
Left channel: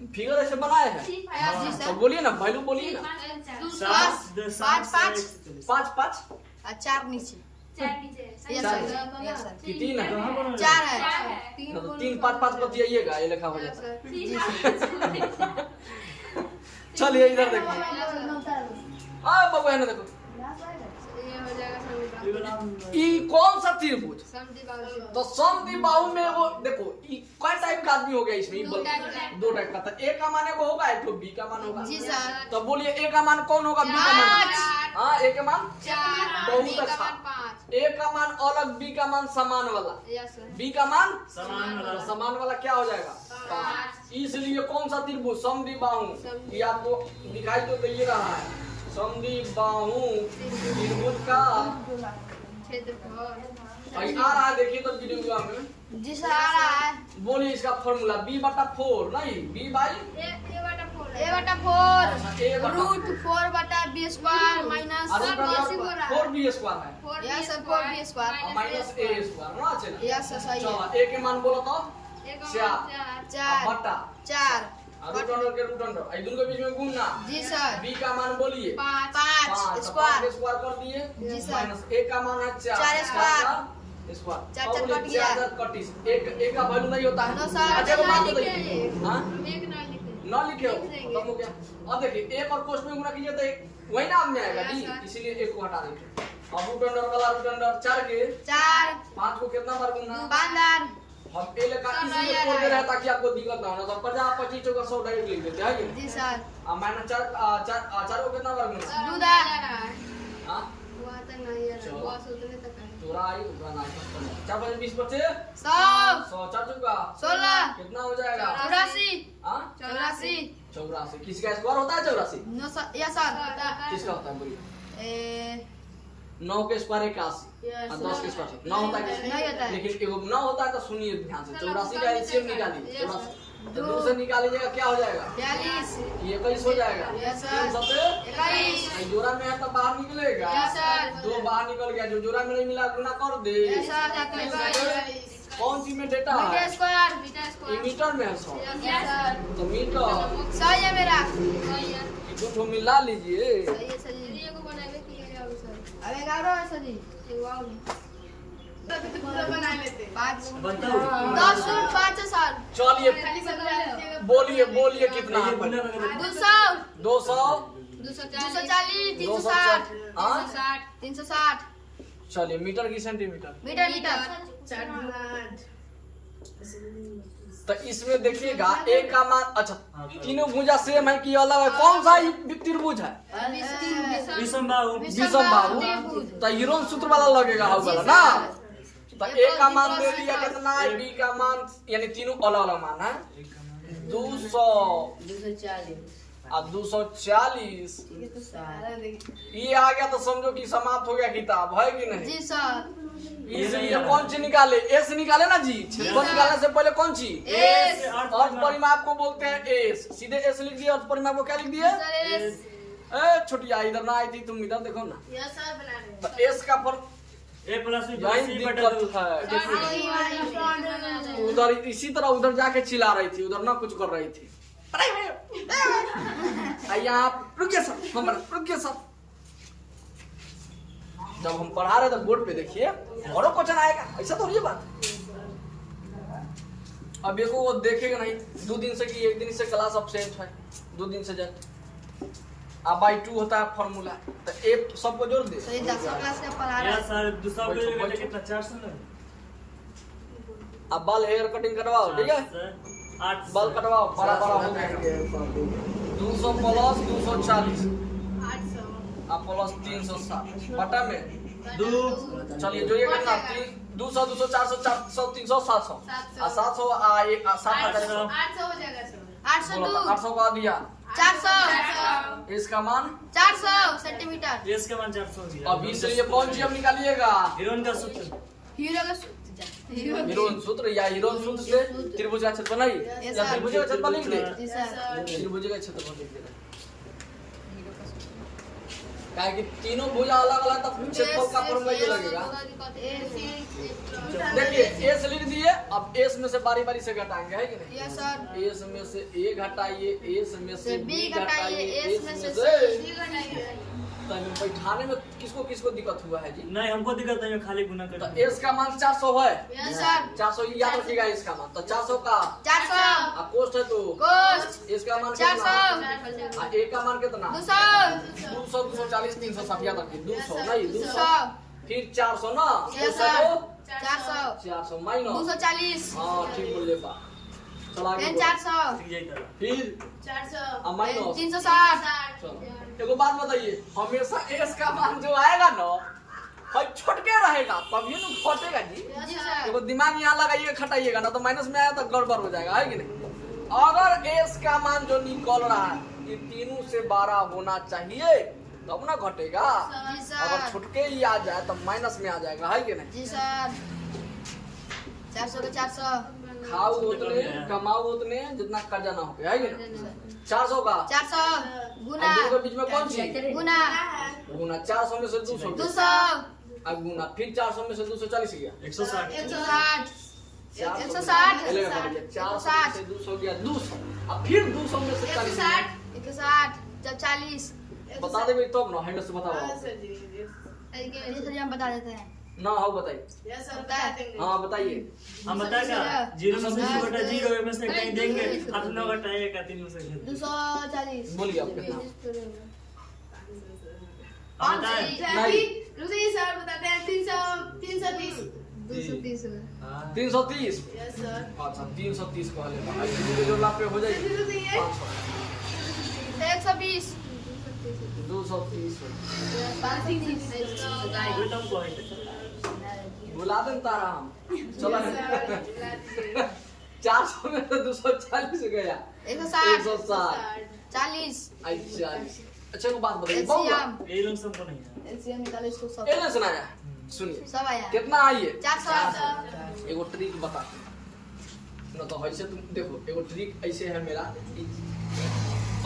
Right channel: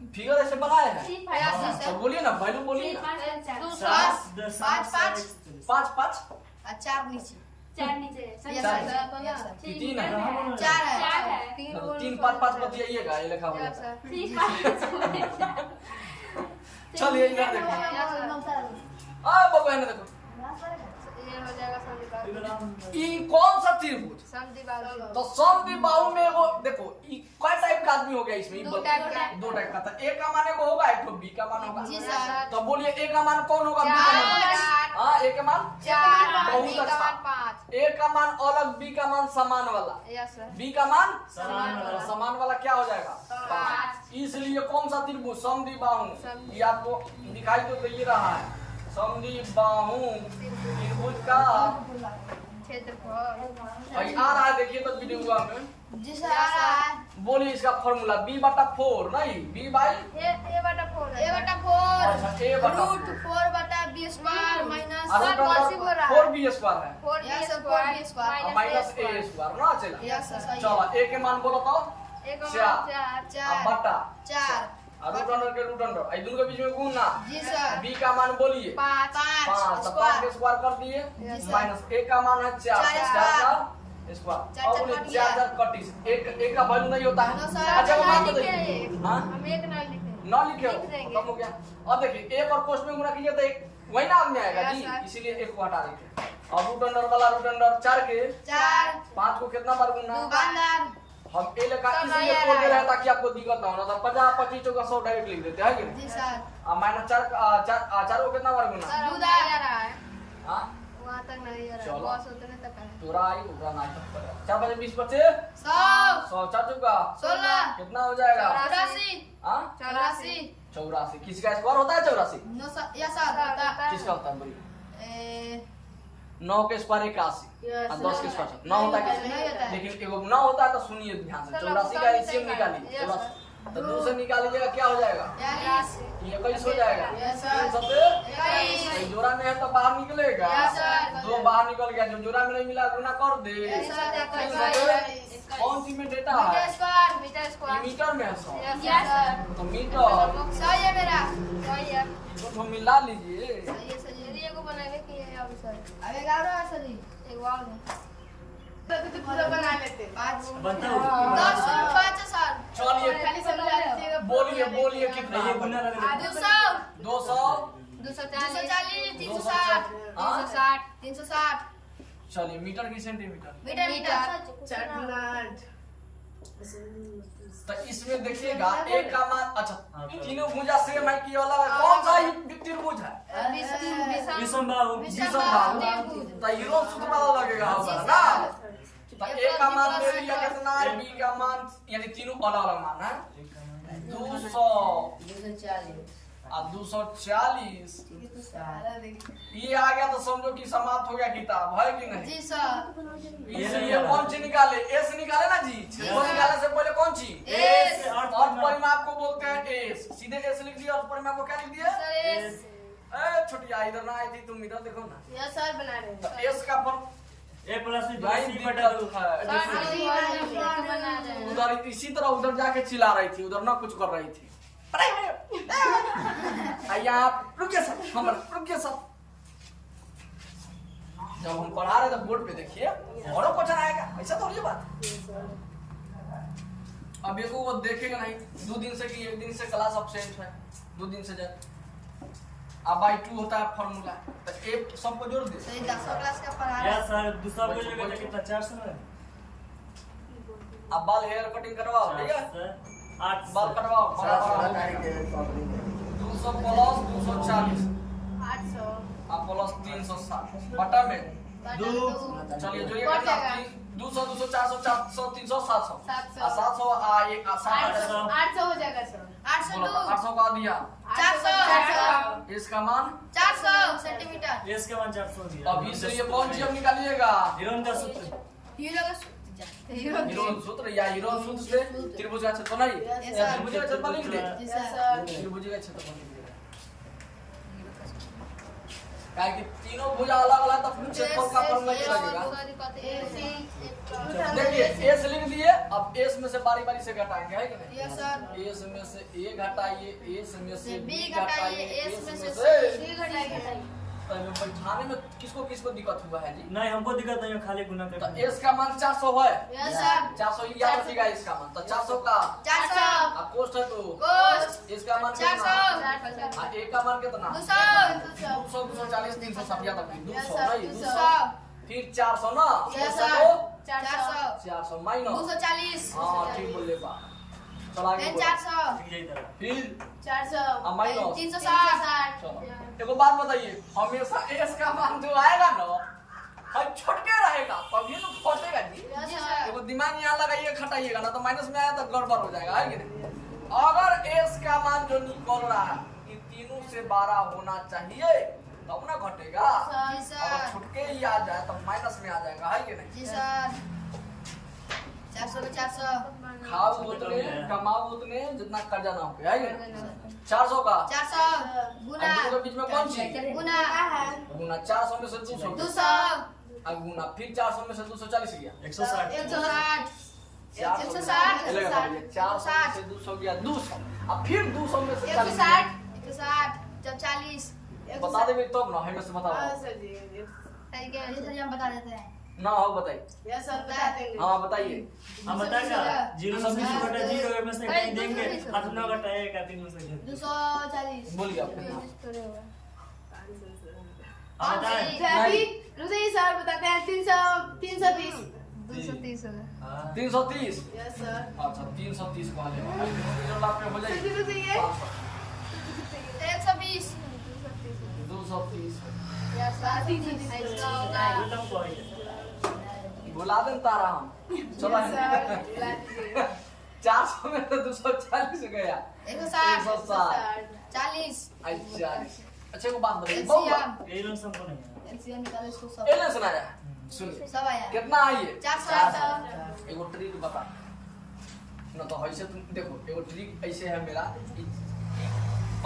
फिगर ऐसे बनाए हैं जी तो सर। बोलिए ना, वैल्यू बोलिए ना। 7 5 5 5 और 4 नीचे। यस चार। सर। Yes sir. कि 3 है? 4 है। 3 5 5 बतियाइएगा, ये लिखा हो जाता है। चलिए इधर देखो। हाँ बाबू है ना देखो। जाएगा समद्विबाहु। ये वाला हम- ई कौन सा त्रिभुज? समद्विबाहु। तो समद्विबाहु में वो देखो ई कई टाइप का आदमी हो गया इसमें? दो टाइप का। दो टाइप का। तो ए का मान एगो होगा, एक तो बी का मान होगा। जी सर। तो बोलिए ए का मान कौन होगा, बी का मान? हाँ, ए का मान 4 बहुत अच्छा। 5। ए का मान अलग, बी का मान समान वाला। Yes sir. बी का मान समान वाला। तो समान वाला क्या हो जाएगा? 5। इसलिए कौन सा त्रिभुज? समद्विबाहु। ये आपको दिखाई तो दे रहा है, समद्विबाहु त्रिभुज का क्षेत्रफल। भाई आ रहा है, देखिए तो वीडियो में। जी सर आ रहा है। बोलिए इसका फॉर्मूला b/4 नहीं b बाई A बटा 4 a बटा 4 अच्छा a बटा रूट 4 बटा b स्क्वायर माइनस और 4b स्क्वायर है 4 यस सर 4b स्क्वायर और माइनस a स्क्वायर ना चला। यस सर सही चलो है। a के मान बोलो तो 4 4 बटा 4 और रूट अंडर के रूट अंडर आई दोनों के बीच में गुणना। जी सर b का मान बोलिए 5 5 स्क्वायर स्क्वायर कर दिए Yes, sir. माइनस a का मान है 4 4 का स्क्वायर चार और चार बोलिए कट गया। 4 कटी एक का वैल्यू नहीं होता है। No, sir. अच्छा वो मान तो लिखे देखिए एक। हां हम एक ना लिखे। ना लिखे हो लिख देंगे। खत्म हो गया। अब देखिए एक और कोष्ठ में गुणा कीजिए तो एक वही नाम में आएगा Yes, जी, sir. इसीलिए एक को हटा देंगे। अब रूट अंडर वाला रूट अंडर 4 के 4 5 को कितना बार गुणना? दुकानदार हम ए लगा सब इसलिए नया छोड़ दे है। रहे हैं ताकि आपको दिक्कत ना हो, ना तो 50 25 चौका 100 डायरेक्ट लिख देते हैं कि नहीं। जी सर अब माइनस 4 को कितना बार गुणना? दूधा। आ रहा है हां वहां तक नहीं आ रहा चलो। है बस उतने तक है। तोरा आई उबरा ना 4 बजे 20 बचे 100 100 4 चौका 16 कितना हो जाएगा? 84 हां 84 84 किसका स्क्वायर होता है 84? यस सर किसका होता है बोलिए? ए 9 के स्क्वायर 81 Yes, और 10 के स्क्वायर 9 होता है नहीं होता है। लेकिन एगो 9 होता है तो सुनिए ध्यान से 84 का एलसीएम निकालिए। Yes, 84 तो 2 से निकालिएगा क्या हो जाएगा? 42 ये 21 हो जाएगा। Yes, sir. 3 सबसे 21 भाई जोड़ा में है तो बाहर निकलेगा। Yes, sir. 2 बाहर निकल गया, जो जोड़ा में नहीं मिला गुना कर दे। Yes, sir. 3 सबसे कौन सी में डेटा मीटर है? स्क्वायर मीटर ये स्क्वायर। मीटर में है 100 यस सर तो मीटर सही है मेरा सही है। दो ठो मिला लीजिए। सही है सही है चलिए को बनावे के लिए और सर अब 11 है सर जी एक वाव ने पूरा बना लेते 5 बनता हो 10 और 5 सर चलिए बोलिए बोलिए कितना ये है? गुना रख दे 200 200 240 260 360 हाँ? 360 चलिए मीटर की सेंटीमीटर मीटर मीटर तो इसमें देखिएगा एक का मान अच्छा हाँ, तो- तीनों भुजा सेम है कि अलग है? कौन सा त्रिभुज है? विषमबाहु विषमबाहु। तो हीरोन सूत्र वाला लगेगा होगा ना। तो ए का मान दे दिया कितना है, बी का मान यानी तीनों अलग अलग मान है 200 और 240 ये आ गया तो समझो कि समाप्त हो गया किताब है कि नहीं। जी सर ये नहीं इसलिए आ रहा। कौन सी निकाले? ए से निकाले ना जी। छेदों निकालने से पहले कौन सी? एस अर्थ परिमाप को बोलते हैं एस। सीधे एस लिख दिया, अर्थ परिमाप को क्या लिख दिया? एस ए छोटिया इधर ना आई थी, तुम इधर देखो ना। यस सर बना रहे हैं तो एस का पर ए प्लस बी यही सी दिक्कत बटा 2 है। उधर इसी तरह उधर जाके चिल्ला रही थी, उधर ना कुछ कर रही थी। यहाँ रुकिए सर, हम रुकिए सर। जब हम पढ़ा रहे थे बोर्ड पे देखिए और क्वेश्चन आएगा, ऐसा तो ये बात। अब देखो वो देखेगा नहीं, 2 दिन से कि 1 दिन से क्लास अब्सेंट है, 2 दिन से जाए। अब बाई 2 होता है फॉर्मूला, तो एक सबको जोड़ दे। सही 10 क्लास का पढ़ा या रहे सर दूसरा को जगह तो कितना 400 है अब बाल हेयर कटिंग करवाओ, ठीक है? 8 बाल कटवाओ, बड़ा बड़ा हो जाएगा। 200 प्लस 240 आप प्लस 360 बटा में 2 चलिए जो ये कितना 200 200 400 400 300 700 आ 700 आ ये 700 800 हो जाएगा सर 802 800 का दिया 400 इसका मान 400 सेंटीमीटर एस का मान 400 दिया अब इससे ये कौन सी हम निकालिएगा? हीरोइन का सूत्र हीरो का हीरोन सूत्र या हीरोन सूत्र से त्रिभुज का क्षेत्रफल नहीं Yes, या sir. त्रिभुज का क्षेत्रफल लिख दे। जी सर त्रिभुज का क्षेत्रफल लिख दे। काहे कि तीनों भुजा अलग अलग तब क्षेत्रफल का फॉर्मूला ये लगेगा। देखिए एस लिख दिए, अब एस में से बारी बारी से घटाएंगे है कि नहीं? यस सर एस में से ए घटाइए, एस में से बी बी घटाइए, घटाइए एस एस में में से से तो इनमें बैठाने में किसको किसको दिक्कत हुआ है जी? नहीं हमको दिक्कत नहीं है, खाली गुना तो करते एस का मान 400 है। यस सर 400 याद रखिएगा इसका मान। तो 400 का 400 कोष्ट है तो कोष्ट इसका मान कितना? 400 ए का मान कितना? 200 200 240 360 याद रखिए। 200 नहीं 200 200 फिर 400 ना, यस कोष्ट है तो 400 400 माइनस 240 हाँ ठीक बोले बा। चला आगे फिर बोलो। 400 ठीक जाई तरह। फिर 400 माइनस 360 चलो एगो बात बताइए, हमेशा एस का मान जो आएगा ना भाई छोटके रहेगा तभी ना घटेगा जी। जी सर देखो दिमाग यहाँ लगाइए खटाइएगा ना तो माइनस में आया तो गड़बड़ हो जाएगा है कि नहीं। अगर एस का मान जो निकल रहा है ये तीनों से 12 होना चाहिए तब ना घटेगा। जी अगर सर छुटके ही आ जाए तो माइनस में आ जाएगा है कि नहीं। जी सर 400 का 400 खाओ उतने कमाओ उतने जितना कर्जा ना हो गया है कि नहीं। 400 का 400 गुना दोनों के बीच में कौन सी गुना गुना 400 में से 200 200 अब गुना फिर 400 में से 240 गया 160 160 400 160 ये लगा पड़ गया 400 में से 200 गया 200 अब फिर 200 में से 40 गया 160 जब 40 बता देंगे तब ना हमें से बताओ हाँ आप। सर जी ये तो हम बता देते हैं ना हो बताइए। यस सर बता देंगे हाँ बताइए। हम बताएगा 0 में से 2 घटा 0 में से कहीं देंगे 8 9 घटाएगा 3 में से घेर 240 बोलिए आप कितना। हम बताएं नहीं। रुकिए सर बताते हैं 320 230 होगा हां 330 यस सर अच्छा 330 को हले अब दोनों के जोड़ पे हो जाएगी रुकिए 500 120 230 कोई तम को है बुला दें तारा हम चलो 400 में से 240 गया 160 40 अच्छा अच्छा को बात बताइए बहुत एलसीएम ये लोग सबको नहीं है एलसीएम 40 को सब एले सुनाया सुनिए सब आया कितना आइए 400 एगो ट्रिक बताते हैं ना तो ऐसे तुम देखो एगो ट्रिक ऐसे है मेरा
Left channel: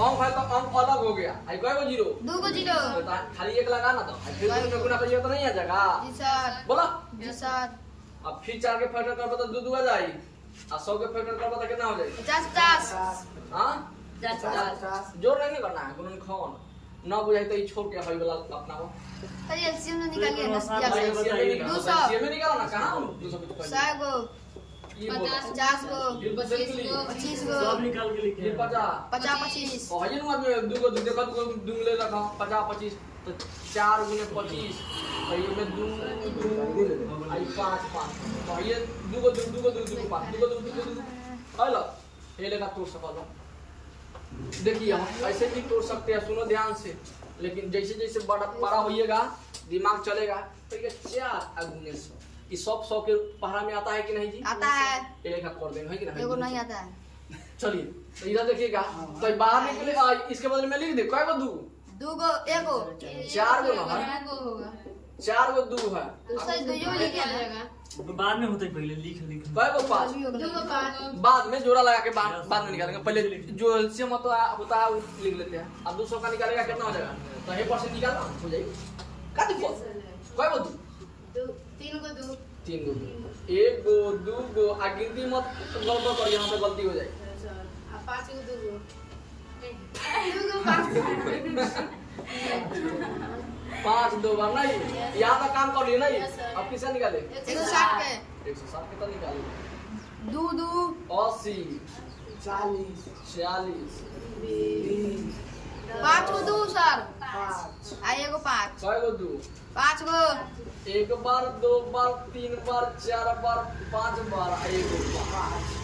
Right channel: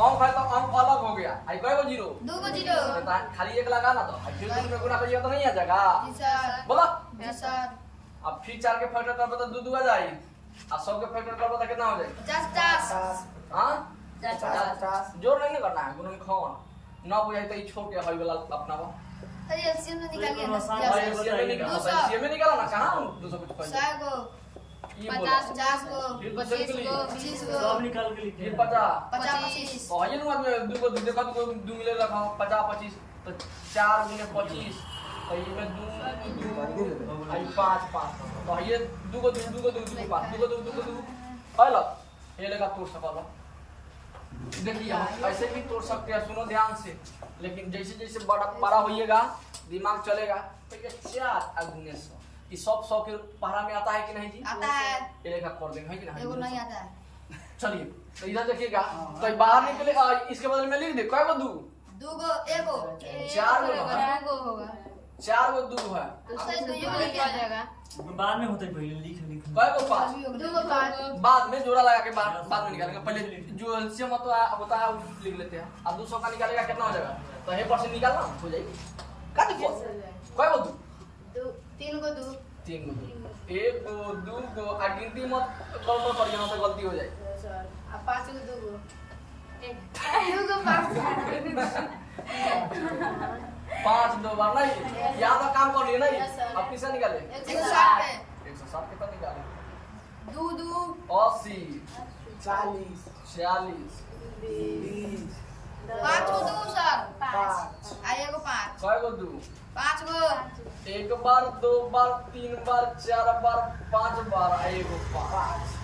अंक है तो अंक अलग हो गया आई कई गो जीरो 2 को 0 तो खाली एक लगा ना तो फिर दोनों में गुना करिए तो नहीं आ जाएगा जी सर बोलो जी सर अब फिर 4 के फैक्टर करबो तो 2 आ जाई और 100 के फैक्टर करबो तो कितना हो जाई 50 हां 50 जोड़ नहीं ना करना है गुणन खाओ ना बुझाई तो ई छोड़ के हई वाला अपना वो तो एलसीएम ने निकालिए ना आसान भाई बताइएगा। 200 में निकाला ना कहां 200 कुछ पहले 100 को ये बोलो 50 को फिर 25 को 25 को सब निकाल के लिखे फिर 50 50 25 तो हई नु आदमी दू को देखो दू मिले रखा 50 25 तो 4 गुने 25 तो ये में 2 आई 5 5 तो ये दू को 5 दू को 2 हेलो ये लेगा तोड़ सकला देखिए हम ऐसे भी तोड़ सकते हैं सुनो ध्यान से लेकिन जैसे जैसे बड़ा होइएगा दिमाग चलेगा तो ये 4 गुने 100 ये सब 100 के पहाड़ा में आता है कि नहीं जी आता है ये लेखा कर देंगे है कि नहीं एगो नहीं आता है चलिए तो इधर देखिएगा तो बाहर निकले इसके बदले में लिख दे कै गो 2 को एगो 4 गो ना है 2 को होगा 4 गो 2 है तो सही तो यो लिख आ जाएगा बाद में होते पहले लिख कै गो 5 2 को 5 बाद में जोड़ा लगा के बाद में निकालेंगे पहले जो एलसीएम होता है वो लिख लेते हैं अब 200 का निकालेगा कितना हो जाएगा तो ये परसेंट निकालना हो जाएगी का दिक्कत कै गो 2 3 को 2 3 गो 2 1 गो 2 गो आ गिनती मत गलत करिए ना तो गलती हो जाएगी यस सर अब 5 को 2 को 2 को 5 5 2 बार नहीं यहाँ तक काम कर लिए नहीं अब किसे निकाले 160 पे 160 कितना निकाले 2 2 80 40 40 5 को 2 सर 5 आइए को 5 कै गो 2 5 को 1 बार 2 बार 3 बार 4 बार 5 बार आ एगो बार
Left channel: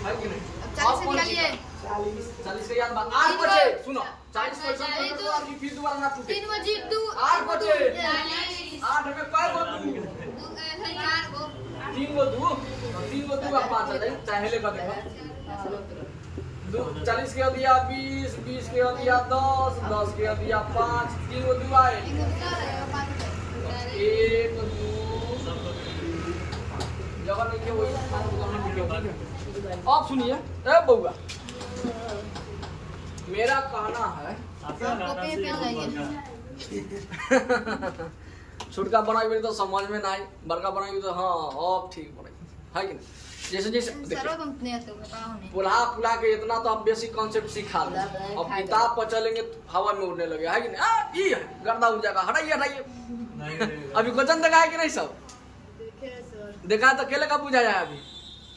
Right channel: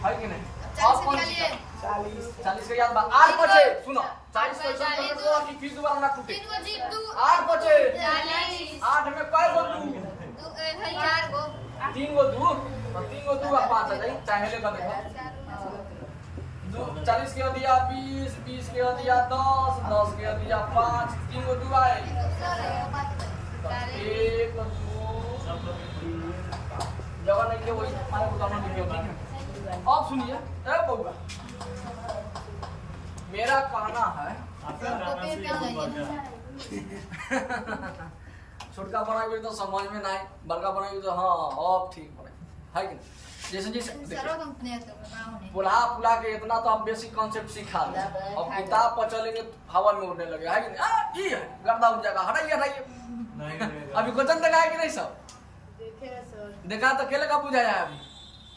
है कि नहीं अब 40 कौन निकालिए 40 के याद बा 8 बचे सुनो 40 क्वेश्चन कर दो कि फिर दोबारा ना टूटे 3 को जीत 2 8 बचे 40 8 में कै गो 2 2 4 को 3 गो 2 तो 3 गो 2 का 5 आ जाए चाहे ले कर देखो 40 के दिया 20 20 के दिया 10 10 के दिया 5 3 गो 2 आए 1 2 जगह नहीं के वही मारे उदाहरण लिखे ठीक है अब सुनिए ए बउआ मेरा कहना है आपका गाना से बड़का छोटका बनाई तो समझ में नहीं बड़का बनाई तो हाँ अब ठीक बनाई है कि नहीं? जैसे जैसे देखिए सरो तुम ने तो बताओ नहीं पुला के इतना तो हम बेसिक कॉन्सेप्ट सिखा ले। अब किताब पर चलेंगे तो हवा में उड़ने लगे, है कि नहीं? ये है गर्दा उड़ जाएगा, हटाइए हटाइए। नहीं अभी क्वेश्चन देखा है कि नहीं सब? देखा तो केले का बुझा जाए अभी।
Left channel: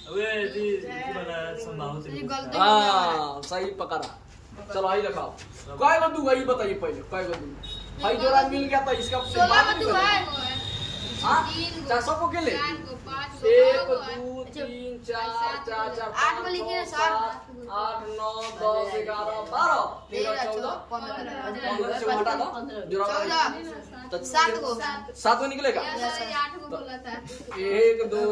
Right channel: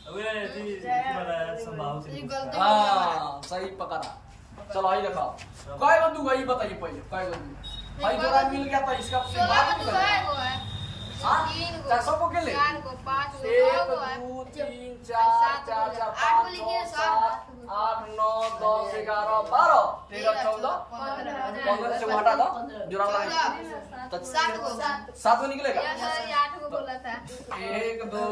अबे जी वाला संभाव से गलती हाँ सही पकड़ा। चलो आई दिखाओ काय को दूंगा ये बताइए पहले काय को दूंगा। भाई जोड़ा मिल गया तो इसका बात नहीं करेंगे। हाँ 400 को केले 4 को 5 को 1 2 3 4 4 4 5 6 7 8 9 10 11 12 13 14 15 से हटा दो जोड़ा नहीं तो 7 को 7 को निकलेगा। 8 को बोला था 1 2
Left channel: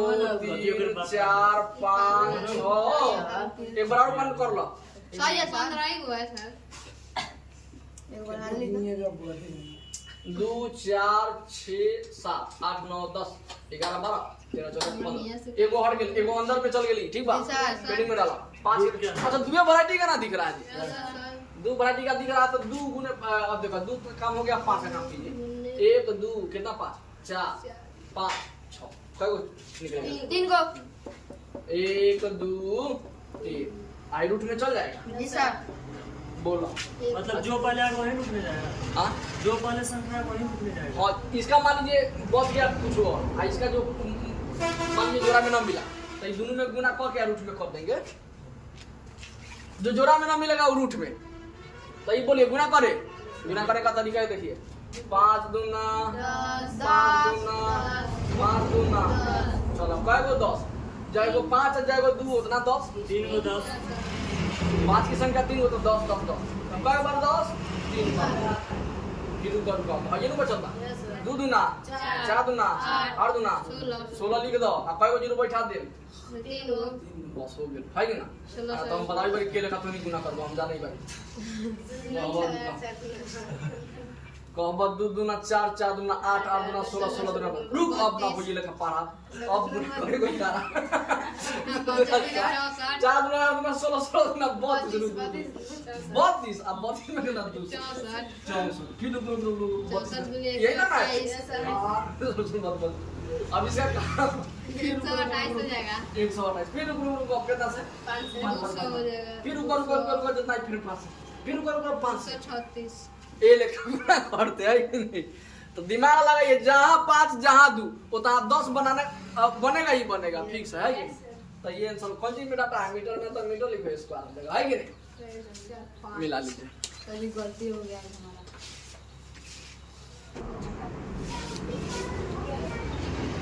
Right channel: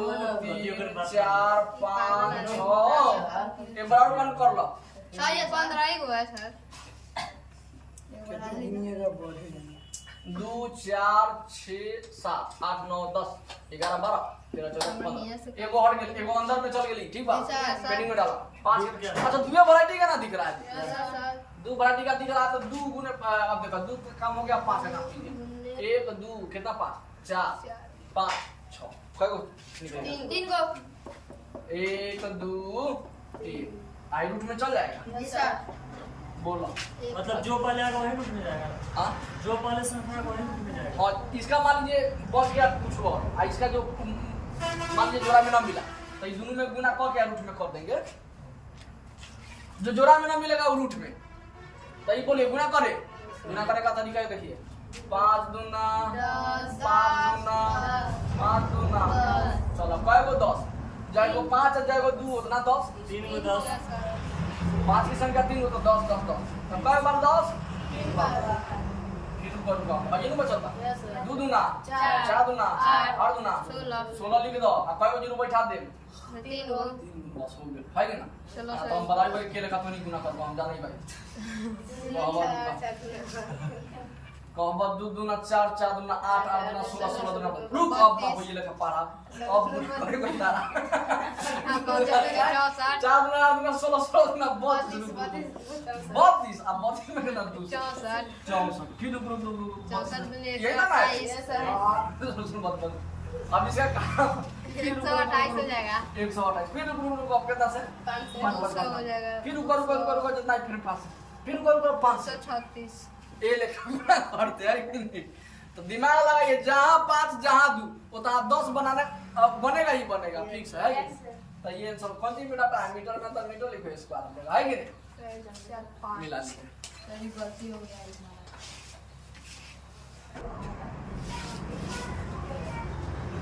3 4 5 6 एक बार और बंद कर लो। सर ये 15 ही हुआ है सर 2 4 6 7 8 9 10 11 12 13 14 15 एगो हट गेल एगो अंदर में चल गेली ठीक बा पेंडिंग में डाला 5 अच्छा दो वैरायटी का ना दिख रहा है जी दो वैरायटी का दिख रहा तो 2 गुने अब देखो 2 का काम हो गया 5 का काम कीजिए 1 2 कितना 5 4 5 6 कई गो निकलेगा 3 को 1 2 3 आई रूट में चल जाएगा जी सर बोलो मतलब जो पहले आएगा वही रुकने जाएगा। हाँ जो पहले संख्या है वही रुकने जाएगा। और इसका मान लीजिए बच गया कुछ और इसका जो मान लीजिए जोड़ा में ना मिला तो इस दोनों में गुना करके रूट में कर देंगे। जो जोड़ा में ना मिलेगा वो रूट में तो ये बोलिए गुना करे का तरीका देखिए 5 दूना 5 दूना 5 दूना चलो कई गो 10 जाएगो 5 जाएगो 2 उतना 10 3 को 10 5 की संख्या 3 हो तो 10 10 10 तब कई बार 10 3 बार फिर रुका रुका ये नहीं बचता 2 दूना 4 दूना 8 दूना 16 लिख दो अब कई जीरो बैठा दे 3 को बस हो गया है कि ना। चलो तो हम बताइए भाई केले का तो नहीं गुना करबो हम जाने भाई कहबो रुका कहबो 2 दूना 4 4 दूना 8 8 दूना 16 16 दूना रुक अब ना होइए लेखा पारा अब गुना करे कोई तारा 4 दूना 8 दूना 16 16 दूना 32 अब 32 में कितना 2 64 फिर रुक ये ना सुन बात अब इसका काम 128 हो जाएगा 128 फिर रुक अब कितना से 500 हो जाएगा फिर रुक जितना फिर 500 फिर रुक 500 136 ए लेखा करते हैं कि नहीं। तो दिमाग लगाइए जहाँ 5 जहाँ 2 उतना 10 बनाने बनेगा ही बनेगा फिक्स है कि नहीं। तो ये आंसर कौन चीज में डाटा है मीटर में तो मीटर लिखो स्क्वायर देगा है कि नहीं मिला लीजिए। तो ये गलती हो गया हमारा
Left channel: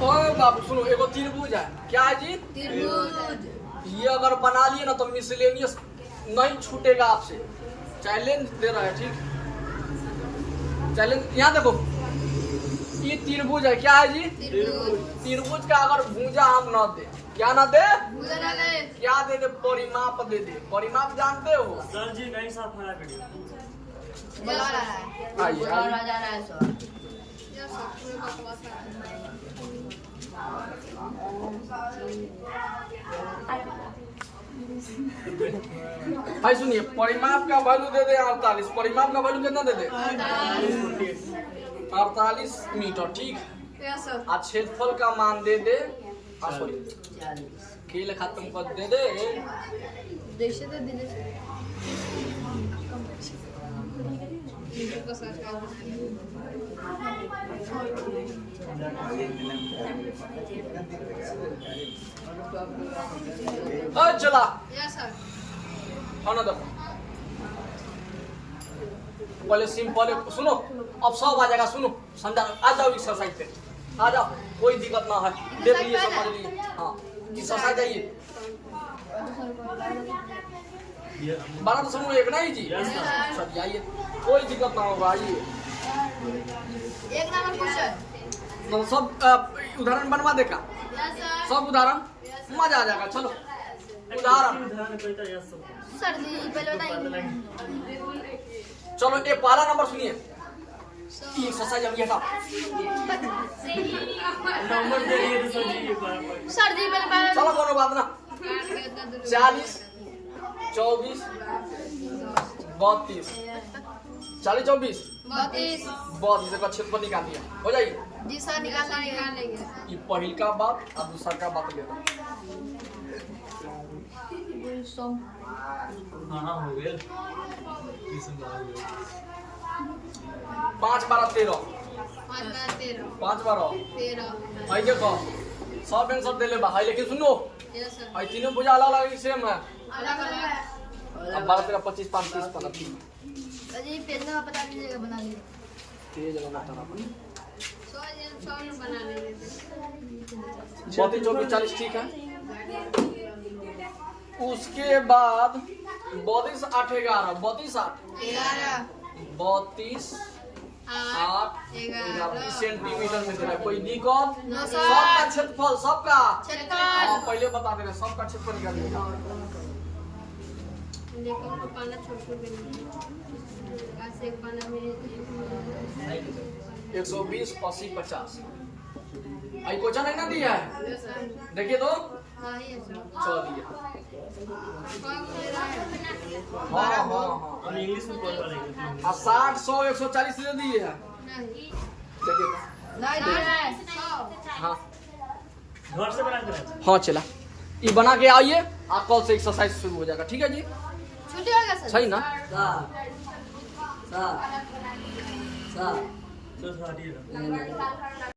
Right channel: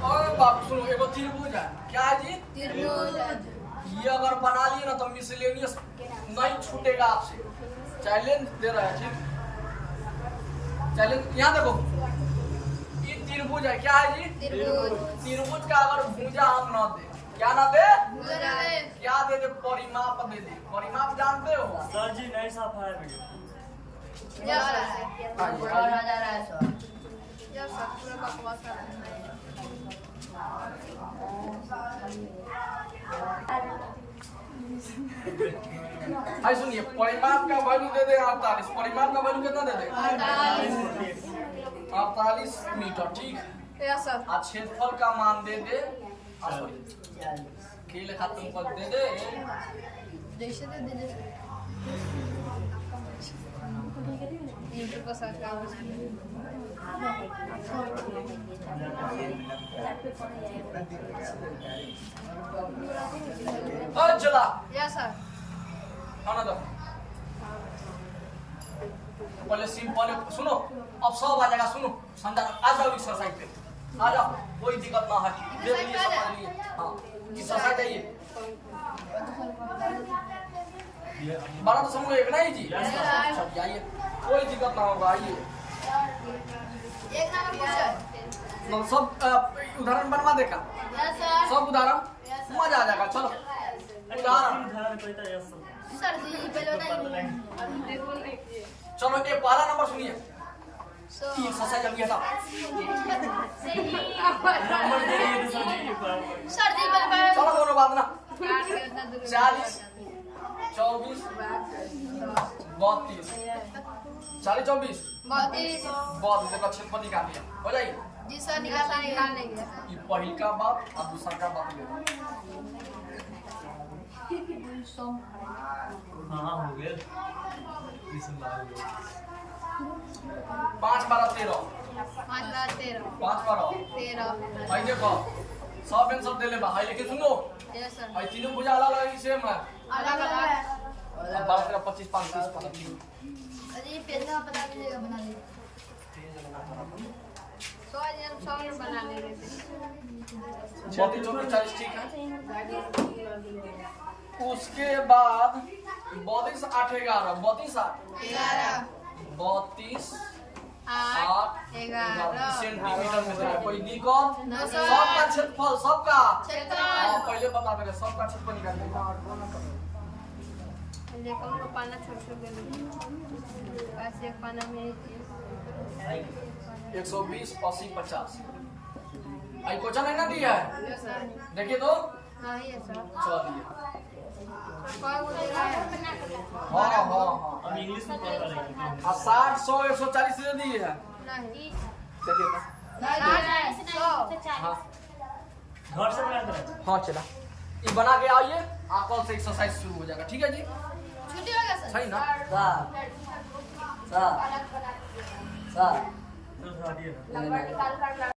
ओ बाबू सुनो एगो त्रिभुज है क्या जी त्रिभुज ये अगर बना लिए ना तो मिसलेनियस नहीं छूटेगा आपसे चैलेंज दे रहा है ठीक चैलेंज यहाँ देखो ये त्रिभुज है क्या है जी त्रिभुज का अगर भुजा हम न दे क्या ना दे क्या दे दे परिमाप दे दे परिमाप जानते हो सर जी नहीं साफ है वीडियो जा रहा है सर यार सब बकवास कर रहे हैं भाई सुनिए परिमाप का वैल्यू दे दे 48 परिमाप का वैल्यू कितना दे दे 48 मीटर ठीक यार सर आज क्षेत्रफल का मान दे दे के लिखा तुमको दे दे जैसे तो दीजिए नीचे को सरकार चला यस सर खाना दो पहले सिंपल सुनो अब सब आ जाएगा सुनो समझा आ जाओ एक्सरसाइज पे आ जाओ कोई दिक्कत ना है देख लिए सब पढ़ लिए हाँ एक्सरसाइज जाइए 12 तो समूह एक नहीं जी Yes, sir. सब जाइए कोई दिक्कत ना होगा आइए एक नंबर क्वेश्चन मतलब सब उदाहरण बनवा देगा यस सर सब उदाहरण मजा आ जाएगा चलो उदाहरण उदाहरण कहता है सर सर जी पहले बताइए चलो ये पहला नंबर सुनिए सो ये एक्सरसाइज अभी हटाओ नंबर दे दिए थे सर जी के पास सर जी पहले चलो कोनो बात ना इतना दूर 40 24 32 40 24 32 32 का क्षेत्रफल निकाल दिया हो जाइए जी सर निकाल लेंगे ये पहिल का बात और दूसरा का बात ले लो हाँ हो गए 20 हो गए 5 12 13 5 बार 13 5 12 13 भाई देखो सब आंसर दे ले भाई, लेकिन सुनो यस सर भाई तीनों पूजा अलग अलग सेम है। अलग अलग अब 12 13 25 5 30 15 अजी पेन बता दीजिएगा बना लीजिए तेज जगह बता रहा 100 में बना लेंगे 34 24 40 ठीक है। उसके बाद 32 8 11 32 8 32 8 11 सेंटीमीटर में दिया। कोई दिक्कत सबका क्षेत्रफल सबका हाँ पहले बता दे रहे सबका क्षेत्रफल निकालिए। देखो हमको पाना छोड़ छोड़ देंगे ऐसे एक पाना में 120 80 50 आई क्वेश्चन है ना दिया है देखिए तो हाँ ही है सर चल दिया। कौन ले रहा है हाँ हाँ हाँ अब इंग्लिश में पढ़ रहे हैं अब 60 100 140 दे दिए है नहीं देखिए तो नहीं हाँ घर से बना कर हाँ चला ये बना के आइए आप कल से एक्सरसाइज शुरू हो जाएगा ठीक है जी छुट्टी हो गया सर सही ना तो हटिए ना